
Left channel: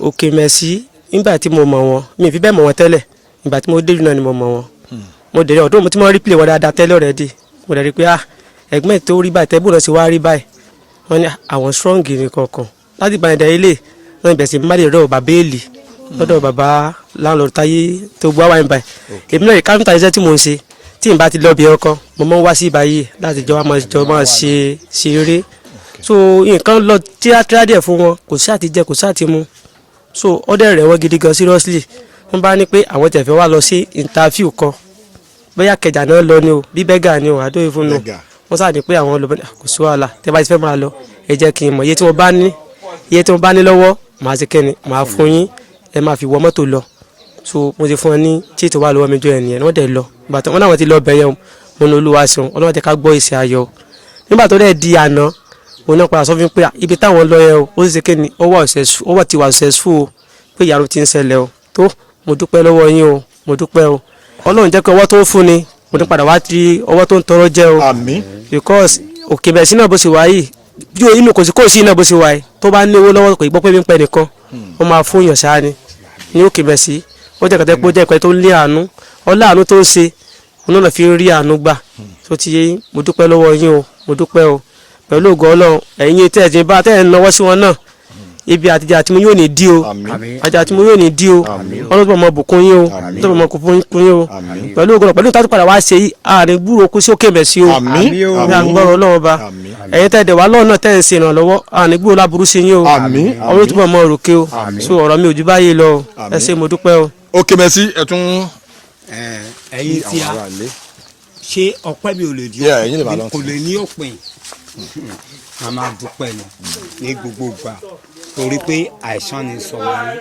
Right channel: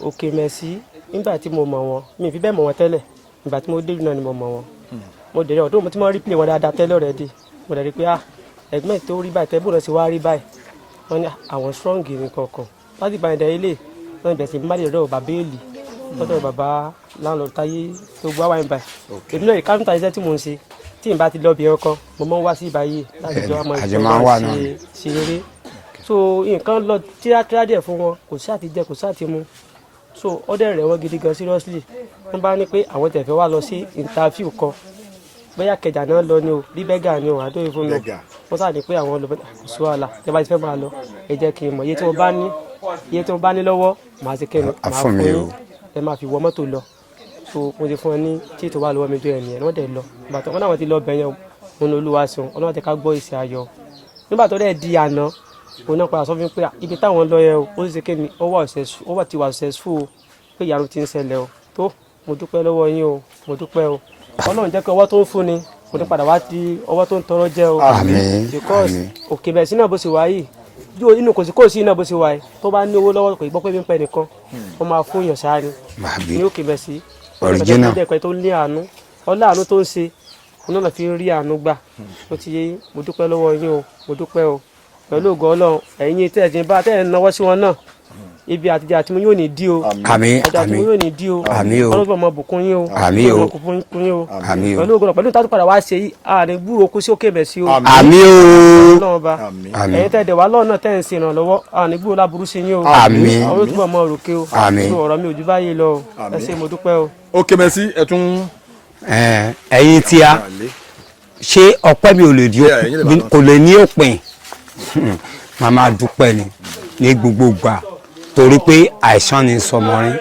Okemesi nígbà tí mo mọ̀ wọn mi ì fi bẹ́ẹ̀ mọ̀ wọn tẹ́lẹ̀ ìgbà tí mo dé ìlú náà ni mo mọ̀ wọn mo dẹ̀ ọdún mo ti mọ̀ rí play wọn dáadáa tẹ́lẹ̀ already mo dẹ̀ rí pé ẹgbẹ́ tó rí báyìí tẹ́bù náà sì wá rí báyìí wọ́n ní àwọn strong ní kankan láti ìbànújẹ́ ilé wọ́n bẹ̀rẹ̀ sí máàlì rẹ̀ bàbá èèlì lọ́dọ̀ bàbá láńlọ́ọ̀dù táyé tó gbọ́ wáyé báyìí èmi náà káfíńtà iṣẹ́ tí mò ń ṣe tí n bá ti lọ bí ọkọ mo máa ń wá sí ìbáyé láti jọ máa ṣe eré so nǹkan lọ tíátírá díẹ̀ fún wọn kò sí àti jẹ kò sí àti mu so ọdẹ rẹ̀ wọ́n gidi gan seriously wọ́n bá ní pé àwọn tẹ̀fẹ́ wá lọ sí interview kan bóyá Kẹjà náà lọ ni o bí bẹ́gà ni o àdóyè fún un wọ́n sáà ní pé àwọn lọ kò sí wàhálà tẹ́ bá ti fẹ́ máa lọ ẹ jẹ́ kí n mọ̀ iye tí wọ́n bá ní lọ́wọ́ màá ṣe kẹ́ni màá fún yín ẹ máa fi wọ mọ́tò lọ so mo ti fún ẹ ní tí ètò wà lọ́wọ́ mi jọ ẹ̀ nìyẹn wọ́n dẹ̀ lọ bàtà wọn náà wọ́n ti lọ bẹ̀yẹ̀ mo ní Olúwa ṣeun Ọlọ́run jẹ́ ká gbọ́ ìṣe ayọ̀ nígbà tó dẹ̀ di àná mo náà padà sọ fún mi pé ibi táwọn lọ yẹ o ó sì ṣe kéni ó ti wà successful o pé ìyàrá ti ń ṣẹlẹ̀ o tó mo dúpẹ́ lọ́wọ́ yín o mo dúpẹ́ o Ọlọ́run jẹ́ pé ọwọ́ tó ń fún ni mo ní padà wá ti ọwọ́ tó ń tọrọ jẹ́ o because Okemesi náà bó ṣe wá yìí yóò inú kò sí iná bó ṣe wá yìí tó bá ní owó lọ́wọ́ kò gbọ́ pé mi ń pẹ́ nìkan wọ́n máa fún yàn ṣáá ni ní Okemesi ó jẹ́ kẹtẹ́ kó jẹ́ ìpẹ́ tó ń lé àánú ọlá àánú tó ń ṣe òun náà fi rí àánú gbà tó ti yé yín mo dúpẹ́ lọ́wọ́ yín o mo dúpẹ́ o pẹ̀lú ògo Ọlọ́run ẹ̀yin tẹ́ ẹ̀ ti bá tẹ́ ẹ̀ náwó sí wọn náà ibi àtijọ́ àti mo yóò ní dí o àjà tí mo yóò ní dí o ọlọ́dún ọmọ bùkún yín o ọlọ́dún ọmọ kún yín o pẹ̀lú ògùn pẹ̀lú ìtàtù padà wá ṣe yìí àárín gbúrò kú sí Okemesi o àmín o àgbọ̀rọ̀ ọlọ́run ba ẹ̀yin tẹ́ dẹ̀ wá lọ́nà tẹ́ ń ṣe ìrànlọ́wọ́ àárín gbúrò láburú sí yín o àwọn olùtúbọ̀ mọ òrùké o so ọ̀rọ̀ mi ò ju báyìí lọ o ẹ ṣé mo dúpẹ́ o. Okemesi ẹ tún. ẹ̀yin tí a ṣé ọpẹ́ mi ò lè di kò lè ní òpin màá máa dúpẹ́ ni ní gbogbo gbà torí pé àìsàn ni sọmọrin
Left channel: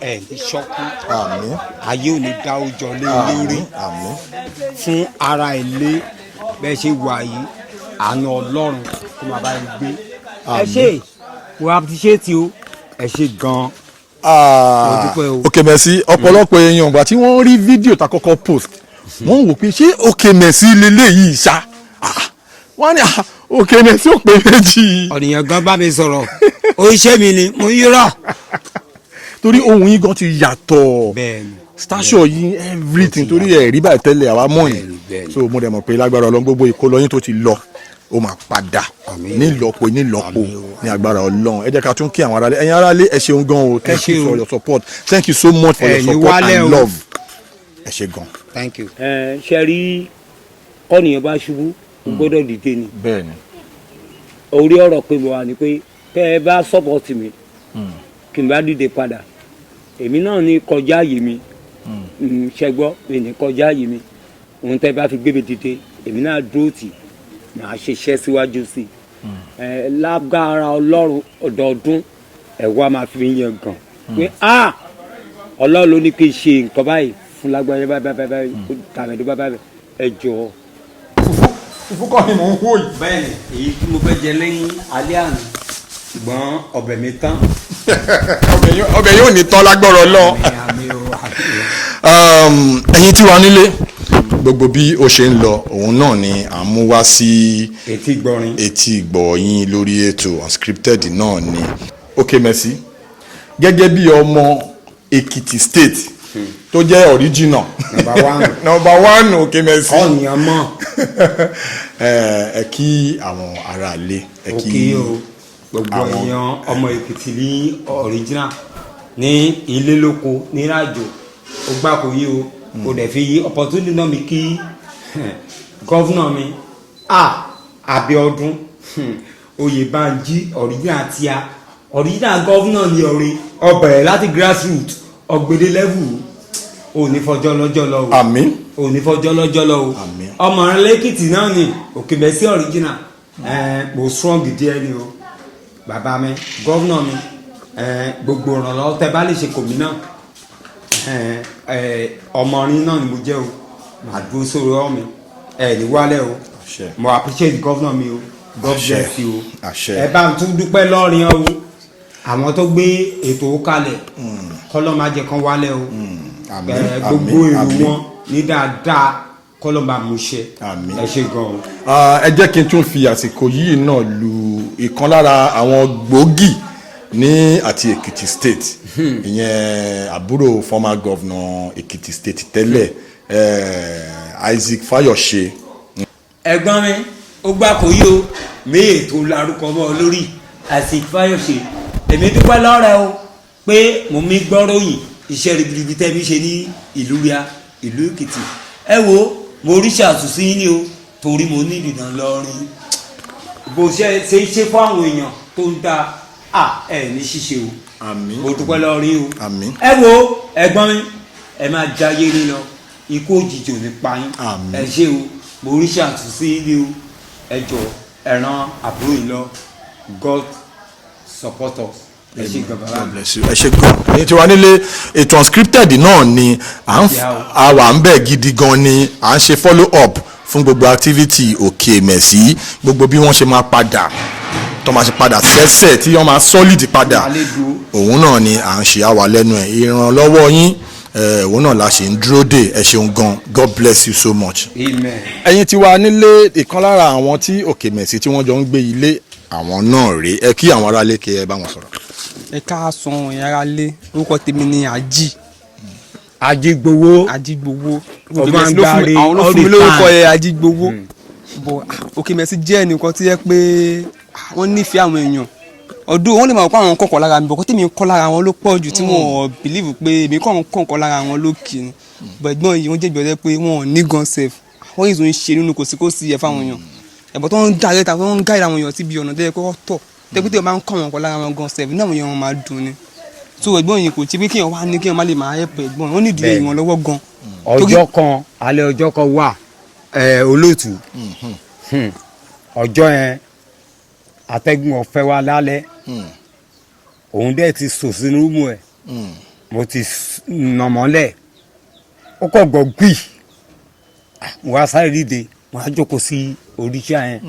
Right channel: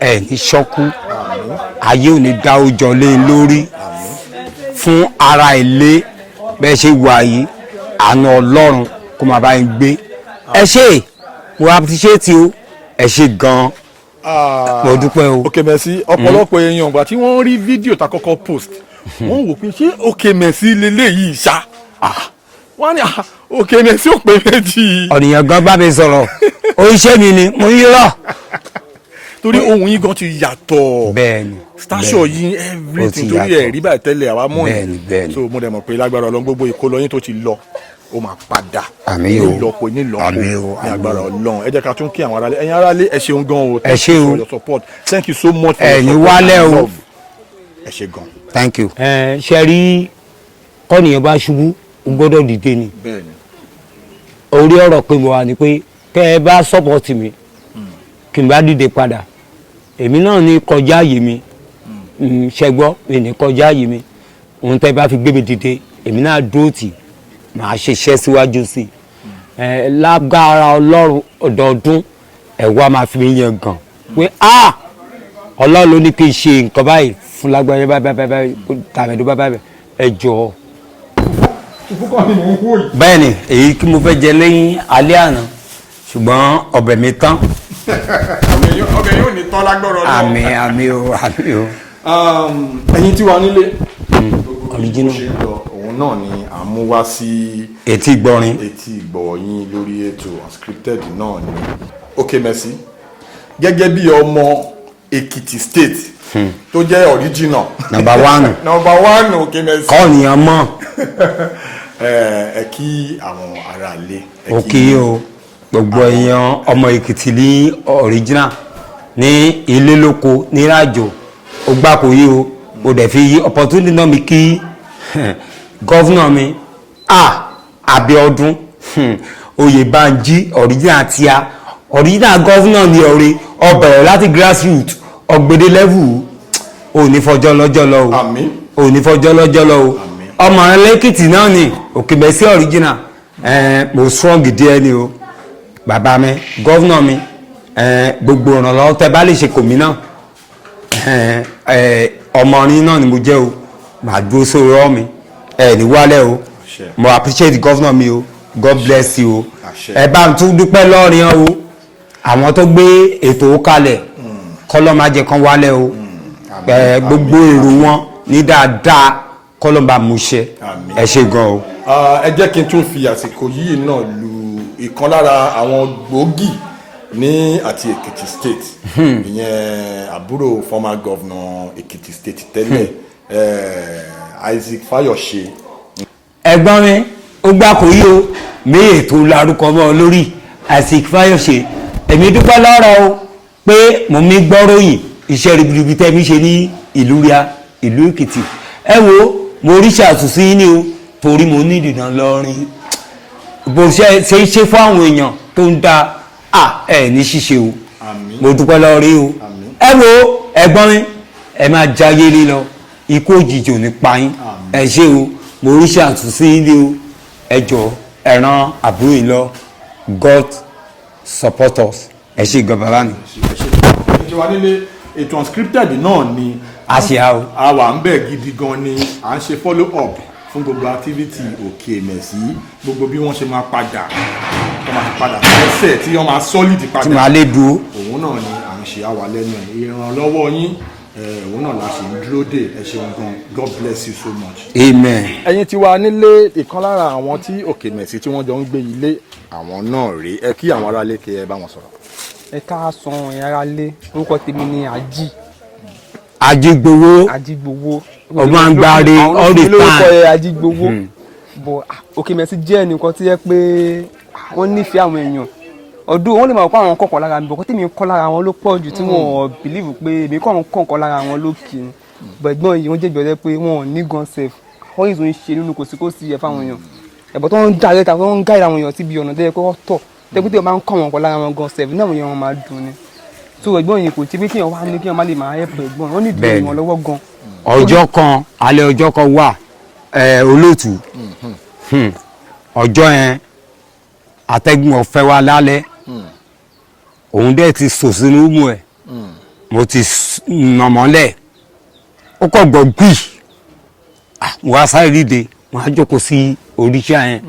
ẹ ní ṣọ́kú ayé ò ní dá ọjọ́ lé lórí fún ara ilé bẹ́ẹ̀ ṣe wà yìí àánú Ọlọ́run kó máa bá yín gbé ẹ ṣe wọ́n appreciate o ẹ ṣe gan-an mo dúpẹ́ o. Okemesi ọ̀pọ̀lọpọ̀ èèyàn ìgbà tí wọ́n rí fídíò tá kọ́kọ́ post wọ́n wò pé ṣé Okemesi lélẹ́yìí ṣá wọ́n ní Okemesi ò pé méjì. ọ̀nìyàn gan bá mi sọ̀rọ̀ oríṣẹ́ mi ni mo yí rọ̀. torí ohun yín gan ti yàtọ̀ bẹ́ẹ̀ni station yín everything torí ẹ̀ rí báyìí tẹ́lẹ̀ àwa mọ̀ ní so mo dẹ̀ mọ̀ pé lágbára Ọlọ́run gbogbo ìkólọ́yìn tó ti lọ ó máa padà nílọ́po ní agbára Ọlọ́run ẹ jẹ́ ká tún kí àwọn aráalé ẹ̀yin aráalé ẹ ṣeun gan o thank you for your support thank you so much for your support and love ẹ ṣe gan. thank you. ṣe rí kọ́nìyàn bá ṣubú ó gbọ́dọ̀ dìde ni orí ọ̀rọ̀ pé mo wà ní pé kẹ́ ẹ bá sọ́pọ̀tì mi kí n bá dìde padà èmi náà ní kọjá àyè mi ṣẹgbọ́ mi ní kọjá àyè mi òun tẹ́ bá fi gbé mi dìde èmi náà dúró tì màá ṣiṣẹ́ síwájú sí i lágbára Ọlọ́run ọdọọdún ẹ̀wá máa fi mi yẹn gàn pé Ọlọ́run ló ní kí n ṣe nǹkan báyìí fún lágbára báyìí tàbí báyìí ẹ jọ̀ọ́. ìfúkọ́ ni mò ń wò yìí. bẹ́ẹ̀ni èyí kí mo fẹ́ jẹ lẹ́yìn alẹ́ àná ṣùgbọ́n ọbẹ̀ mi tán. ọbẹ̀ yóò ní tán lágbọ́rọ̀ lọ. àmín o. ẹ̀yin tí wà nílé gbogbo bí ó ṣe ń lọ òun náà ni à ń mú wá sí etí ìgbọ̀yìn lórí ètò Unscripted náà ni Okemesi gẹ́gẹ́ bí ọmọ Èkìtì state tó jẹ́ original number one Okemesi kọ́ọ̀nìyàn mọ̀ ẹ kí àwọn aráalé ẹ kí o gbogbo èèyàn ọmọ Èkìtì ní original ní ilé lóko ní ìrìnàjò ó gbà kó yí o mo dẹ̀ fi opportunity náà mi kí gọ́fúnà mi Abíọ́dún Oyèbánjí original tíá original gọ́fúnà ní ọ̀rẹ́ ọbẹ̀rẹ̀ láti grassroots ọ̀gbẹ̀dẹ̀ level ò ní fọjọ́ lọ́jọ́ lọ o ò ní fọjọ́ lọ́jọ́ lọ o ọmọ rẹ lẹ́kìtì náà ni Okemesi original mo strong díẹ̀ ni o bàbá mi gọ́fúnà mi gbogbo ìrànlọ́wọ́ tẹ bá lè ṣe kò mí náà ọmọ orin náà ni mo jẹ́ o màá dúró sórí ọ́ mi ní wálẹ̀ o mo appreciate gọ́fúnà mi o God bless you o ẹ bá mi tún dúpẹ́ lọ́rin o àwọn tó gbé ètò kalẹ̀ kọ́lọ́ máa jẹ́ kán wálẹ̀ o gbogbo èrò wọn ní dáadáa kọ́lọ́ bá mú ṣe ẹ ṣe gan o. ẹ jẹ́ kí n tún fi àsìkò yìí náà lu ìkan lára àwọn gbòógì ní àti Èkìtì state ìyẹn àbúrò former governor Èkìtì state tẹ́lẹ̀ Isaac Fayose. ẹ̀gbọ́n mi ó gbà kó yí o mí ètò larúkọ mọ́ lórí Isaac Fayose èmi dúpẹ́ lọ́rọ̀ o pé mo mi gbọ́ròyìn iṣẹ́ ribiribi tẹ́ mi ṣe ní ìlú ria ìlú Èkìtì ẹ wo mo rí ṣàtúnṣe yín ni o torí mo ní ìdènà lọ́rin bó ṣe ṣe fún àwọn èèyàn tó ń da ní ṣíṣe o mo dúpẹ́ lọ́rí o ẹ wo ẹ̀gbọ́n mi ẹ máa jayé lílọ ikú òjijì ò ní pa yín ẹ ṣe o mo rí ṣàtúnṣe yín ni o ẹ jọ ẹ ràn àbúrò yìí lọ God support us ẹ ṣe gan bàbá mi. ẹ ṣe gan èyí tí wà nílé ètò Unscripted náà ni a wà ń bẹ̀ gidi gan ni à ń ṣe follow up fún gbogbo activity Okemesi gbogbo bí wọ́n ṣe máa padà tó máa ṣe padà sẹ́sẹ̀ tí wọ́n máa solid padà òun náà ni à ń ṣe àwà lẹ́nu ẹ̀ ìrànlọ́wọ́ yín òun náà la ṣe ń dúró dè ẹ ṣeun gan God bless you so much. amen. ẹ̀yin tí wà nílé ìkan lára àwọn tí Okemesi tí wọ́n jọ ń gbé ilé àwọn náà rèé ẹ kí àwọn aráalé kí ẹ bá wọn sọ̀rọ̀. ẹ káàsùn ẹ̀yà alẹ́ orúkọ tèmi ni Ajígbowó ọgbọ̀ngbàre all the time Ajígbowó bọ̀ Okemesi jẹ́ ẹnìkan tí yẹ pé wọ́n nífẹ̀ẹ́ àwọn èèyàn ọdún wọn lè máa kọ́ àwọn kọ̀ọ̀kan lára mi bọ̀ kó tèmi kọ́ lára wọn ló pọ̀ jù tí wọ́n believe pé èmi kọ́ àwọn kọ̀ọ̀kan lára wọn ló kì í gbẹ̀gbọ́n yìí wọ́n jẹ́ ìbẹ̀rẹ̀ pé wọ́n ní gan sef wọ́n yìí tó ń ṣe nínú kòsíkòsí ẹ̀ fáwọn èèyàn ẹ̀bọ̀ tó ń gáyé ta wọ́n ń gáyé àwọn èèyàn síbi ọ̀nà tó yẹ kó tọ̀ tẹ́kùtẹ́ máa ń kọ́ àwọn kan lára wọn gan sef ní àwọn èèyàn máa dùn ni so ẹ̀gbọ́n yìí kò tí pé kéèyàn wá ní kéèyàn má lè máa ẹ̀pẹ̀ ẹ̀gbọ́n wọn nídìí èèyàn lọ́wọ́ gan. ọjọ́ kan alẹ́ ọjọ́ kan wà olóòtú ọjọ́ yẹn atẹ́gùn ọ̀fẹ́ wa lálẹ́ òun dẹ̀ ti sò sínú mú ẹ̀ mo ti nà mọ́lẹ̀ ó kàn gbọ́ gbì mo wá sáré dìde mo á jókòó sí oríṣà yẹn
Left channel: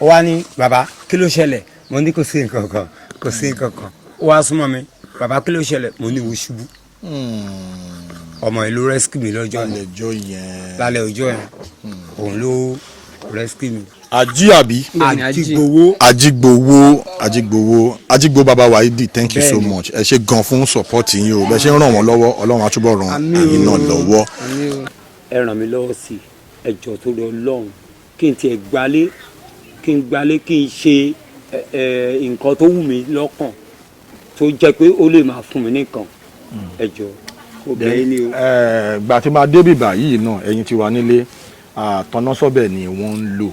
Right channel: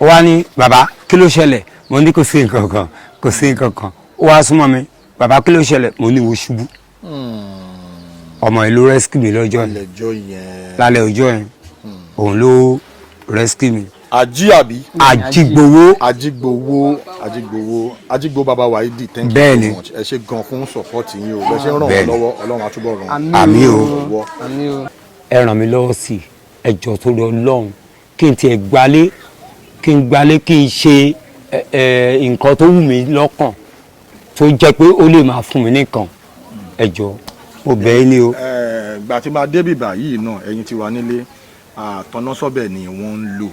ó wá ní bàbá kí ló ṣẹlẹ̀ mo ní kò sí nǹkan kan kò sí nǹkan kan ó wá súnmọ́ mi bàbá kí ló ṣẹlẹ̀ mo ní wo ṣubú ọmọ ẹ̀ ló rescue mi lọ́jọ́ yẹn lálẹ́ ọjọ́ yẹn òun ló rescue mi. Àjígbowó baba Waidi, thank you so much. Ẹ ṣé gan fún support yín o. Bẹ ṣe ń ràn wọ́n lọ́wọ́ Ọlọ́run á túbọ̀ ràn àmì lọ́wọ́. Ẹ ràn mí lọ́wọ́ sí ẹ jọ̀ọ́ tó lọ Ọlọ́run kí n tiẹ̀ gbalé kí n ṣe nǹkan tó wù mí lọ́kàn tó jẹ́ pé ó lè máa fún mi nìkan ẹ jọ̀ọ́ mo bẹ̀ yín ni o. Gbà tí máa débì báyìí náà ẹ̀yin ti wà nílé tọ́násọ́bẹ̀ ni wọ́n ń lò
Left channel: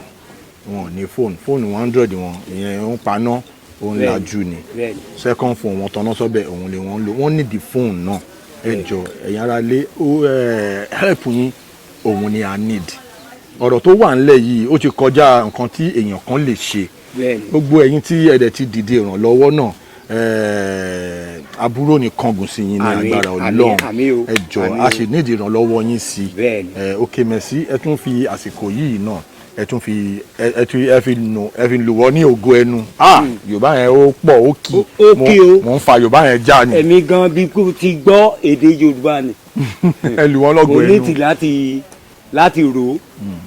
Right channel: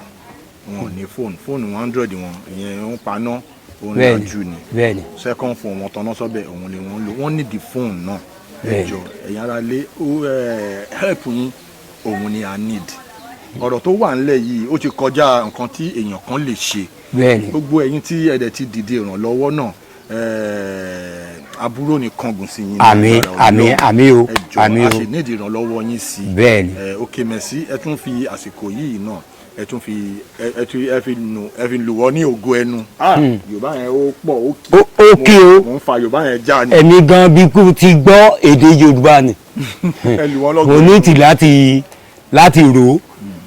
wọn ní fóònù 100 wọn ìyẹn ń paná òun ní ajú ni second phone wọn tọ́násọ́bẹ̀ òun ni wọ́n ń lò wọ́n nídìí fóònù náà ẹ jọ̀ọ́ ẹ̀yin ará lé help yín òun ni I need ọ̀rọ̀ tó wà ńlẹ̀ yìí ó ti kọjá nǹkan tí èèyàn kan lè ṣe gbogbo ẹ̀yin tí ẹ̀dẹ̀ ti dìde ìrànlọ́wọ́ náà àbúrò ní kángun sí yín ní àmì o ẹ jọ̀ọ́ a sì nídìí ìrànlọ́wọ́ yín sí Okemesi ẹ tún fi àsìkò yìí náà ẹ tún fi ẹ fi lù wọ́ ní ògo ẹnu Yorùbá yẹn ó pọ̀ ó kí mo ń fa Yorùbá yẹn já ni. ẹ̀mí gan bí kú ti gbọ́ èdè Yorùbá ni ẹ lù wọ́n lọ́gọ̀ ẹnu mo ní tì láti rò ó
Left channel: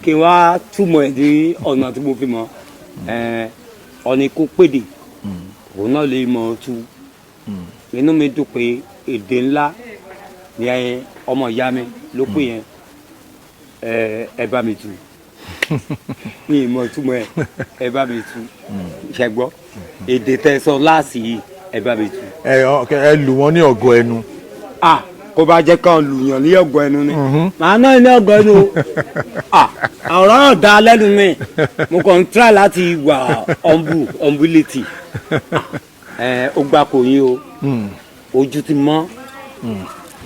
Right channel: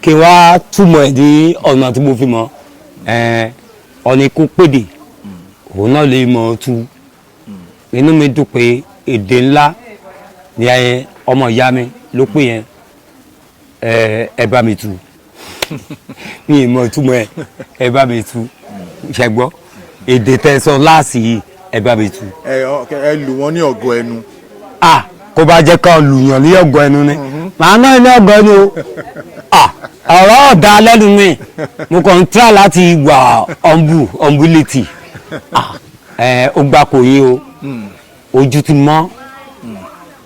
kí wàá túmọ̀ ẹ̀ ní ọ̀nà tí mo fi mọ̀ ọ̀nà ikú pèdè òun náà lè mọ̀ ọ́ tú inú mi dùn pé èdè ńlá ni ọmọ ìyá mi ló pè yẹn ẹ bá mi tú ní ìmọ̀ ìtumọ̀ ẹ bá mi tú ṣẹgbọ́ èdè tẹ̀sán láàsì yìí ẹ bá mi tú. ẹ lù wọ́n ní ọ̀gọ̀ ẹnu. kó bá jẹ́ ká lùyàn ní ọ̀gọ̀ ẹnu ni màá náà ní ọ̀gọ̀ ẹnu ọ̀rọ̀ ọ̀dà lẹ́nu mi mo kàn ń tíra láti wà ọ̀mbúlẹ̀tì ó gbà kò yé o ojú ti mọ́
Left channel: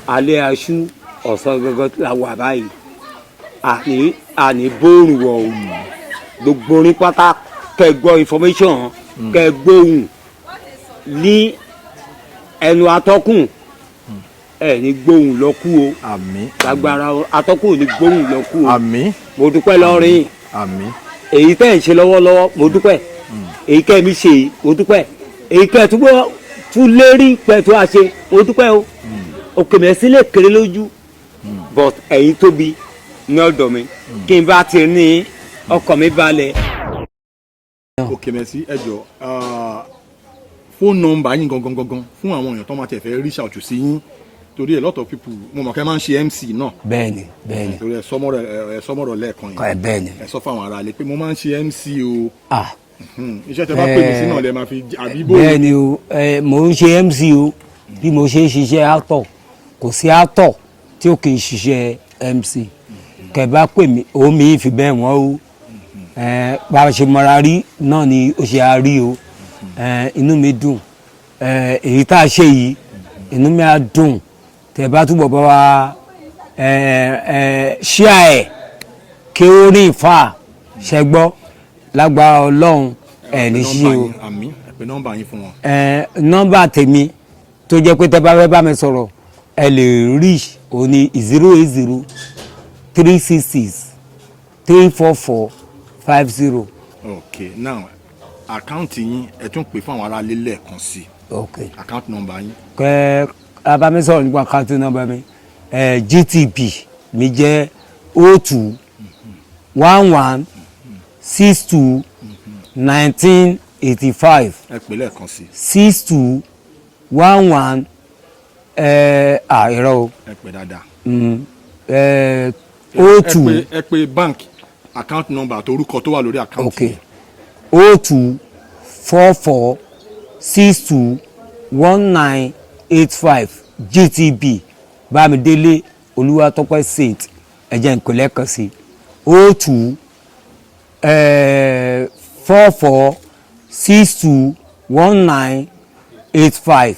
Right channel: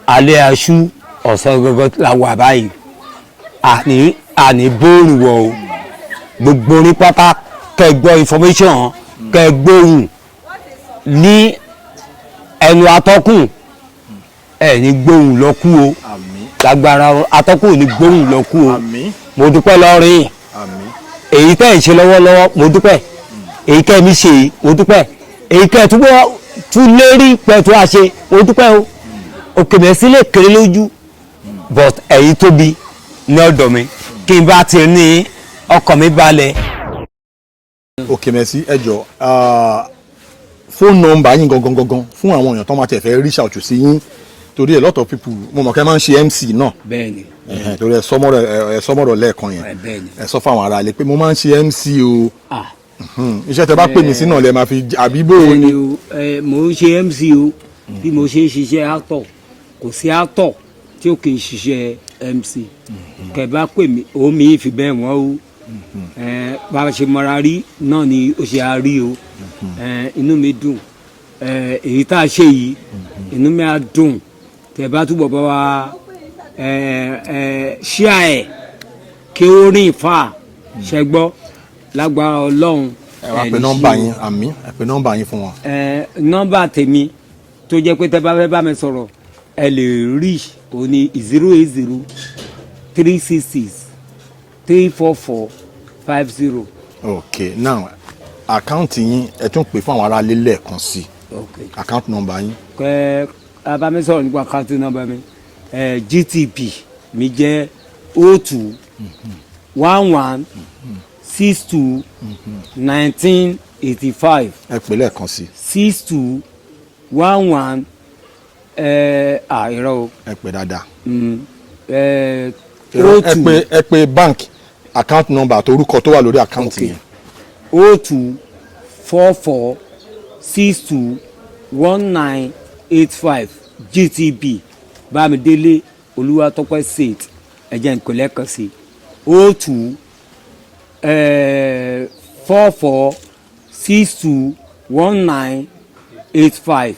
alẹ́ aṣú ọ̀sán gọ́gọ́ la wà báyìí àní bóòrù wọ̀ o gbogbo orí pátá kẹgbọ́ information kẹgbóhùn ní ẹnu atọ́kùn ẹ ní gbóhùn lọ́kù o lágbára atọ́kùn ní gbóhùn lọ́kù o mo dúpẹ́ lọ́rin èyí tẹ́ ẹ̀ ń ṣe lọ́wọ́lọ́wọ́ mo dúpẹ́ èyí tẹ́ mi ṣe mo dúpẹ́ èyí tẹ́ túbọ̀ tún lérí pẹ̀tù àṣẹ mo dúpẹ́ o Okemesi lè kéré lójú but ẹ̀yin tóbi ní ọ̀dọ̀ mi kí n bá ti ní ọkàn mi balẹ̀. Okemesi ẹ jọ̀ọ́ fóònù nọ́mbà yín gangan fún àwọn èèyàn tó máa tẹ̀ fẹ́ reach out sí yín torí a lot of people mo mọ̀ kẹ́ máa ń ṣe MC náà. bẹ́ẹ̀ni torí ẹ sọmọrọ lẹ́ẹ̀kan yẹn bẹ́ẹ̀ni ẹ sọ fáwọn ará ilé pé mo máa ń ṣe MC o iṣẹ́ tẹ bá pè mí sí náà lẹ máa fi àbí bó. bẹ́ẹ̀ni o mo ń ṣe MC o bí mo ṣe ń ṣiṣẹ́ actor kò sí actor tí ó kì í ṣiṣẹ́ MC kẹ bá pè mí òun mi fi bẹ́ẹ̀ wọ́n o bá a ṣe mọ́ra rí náà ni ó ṣe á rí o inú mi dùn èyí tá a ṣe yìí inú mi á dùn tẹ bá túbọ̀ bá wa ṣíà ẹ̀ kí ó rí ìfà ṣẹgbọ́ lágbára Ọlọ́run ẹ̀ ní sí o àmín ẹ pè nọ́mbà yín fún wọn. nọ́mbà tèmi tó jẹ́ pé tẹ bá fẹ́ bá mi sọ̀rọ̀ ẹ lè rí òní 080 366 344 50. Okay, now àkáǹtì yín ẹ tún pè fún àwọn ará ilé lẹ́ẹ̀kan sí àkáǹtì nọ́mbà yín. abamisọ̀rọ̀ nípa àkáǹtì nọ́mbà mi GTB mi jẹ́ 02 11 62 1985. ẹ pè lẹ́ẹ̀kan sí. 62 11 irọ́ o. ẹ pè dáadáa. 02 ẹ pè bank account number àti orúkọ tó wà lórí àkáǹtì yẹn. 02 44 621985 GTB Bámidélé Olúwatópẹ́ Saint ẹ̀jẹ̀ nkọlẹ́ kan sí 02 44 62 1985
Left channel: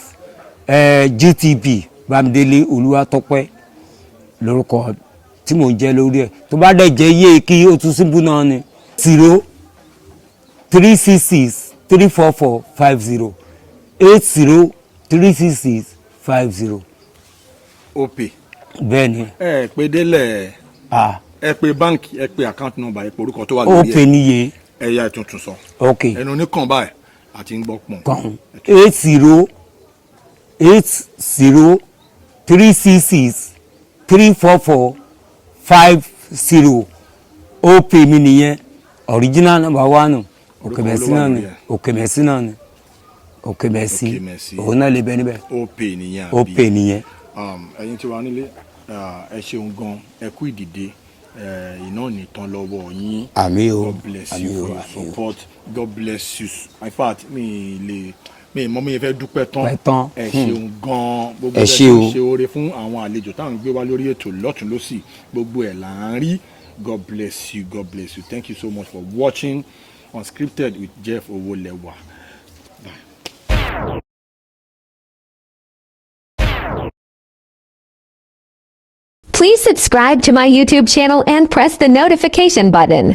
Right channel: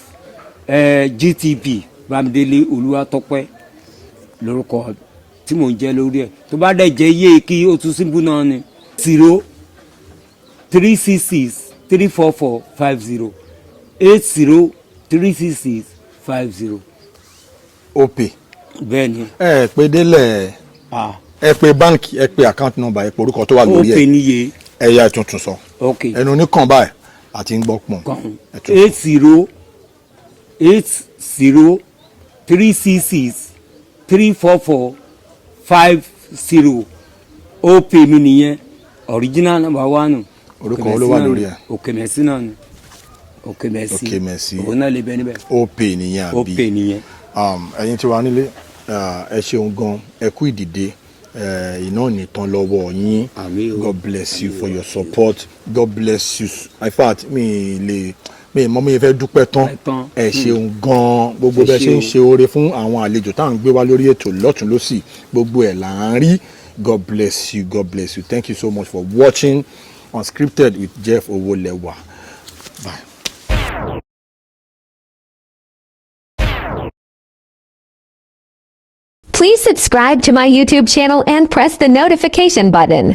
GTB Bámidélé Olúwatópẹ́ lórúkọ tí mò ń jẹ́ lórí ẹ̀ tó bá dẹ̀ jẹ́ yé kí o tún síbú náà ni 0 366 344 50 80 366 50. opay. bẹ́ẹ̀ni. ẹ pé délẹ̀ ẹ pé báńkì ẹ pé account number ẹ pé orúkọ tó wà lórí ẹ opay níye. ẹ yá tuntun sọ. ok ẹnu oníkan báyìí àti ń gbọ́ pọ̀n. kan 80 366 344 50 opay mi nìyẹn original number 1. orúkọ olówó lórí ẹ. Okemesi náà ni Okemesi òun náà lè bẹ níbẹ̀. opay nìyẹn àbí opay nìyẹn. ẹ̀yin tí wàá nílé ẹ ṣeun gan ẹ kú ìdìde iná nìtàn lọ́wọ́ yín. àmín o. God bless you for your support. God bless you. In fact mi mọ mi fẹ́ dúpẹ́ tán ẹ ṣeun gan gbogbo bẹ́ẹ̀ ṣe ń ṣe oore fún àwọn àlejò tá à ń gbé wá lórí ètò lọ́tún lọ́sì gbogbo ẹ̀ là ń rí. God bless you. God bless you. Thank you so much for watching Unscripted with Jeff Owolewa. Bye. Please subscribe to my YouTube channel and press the notification button.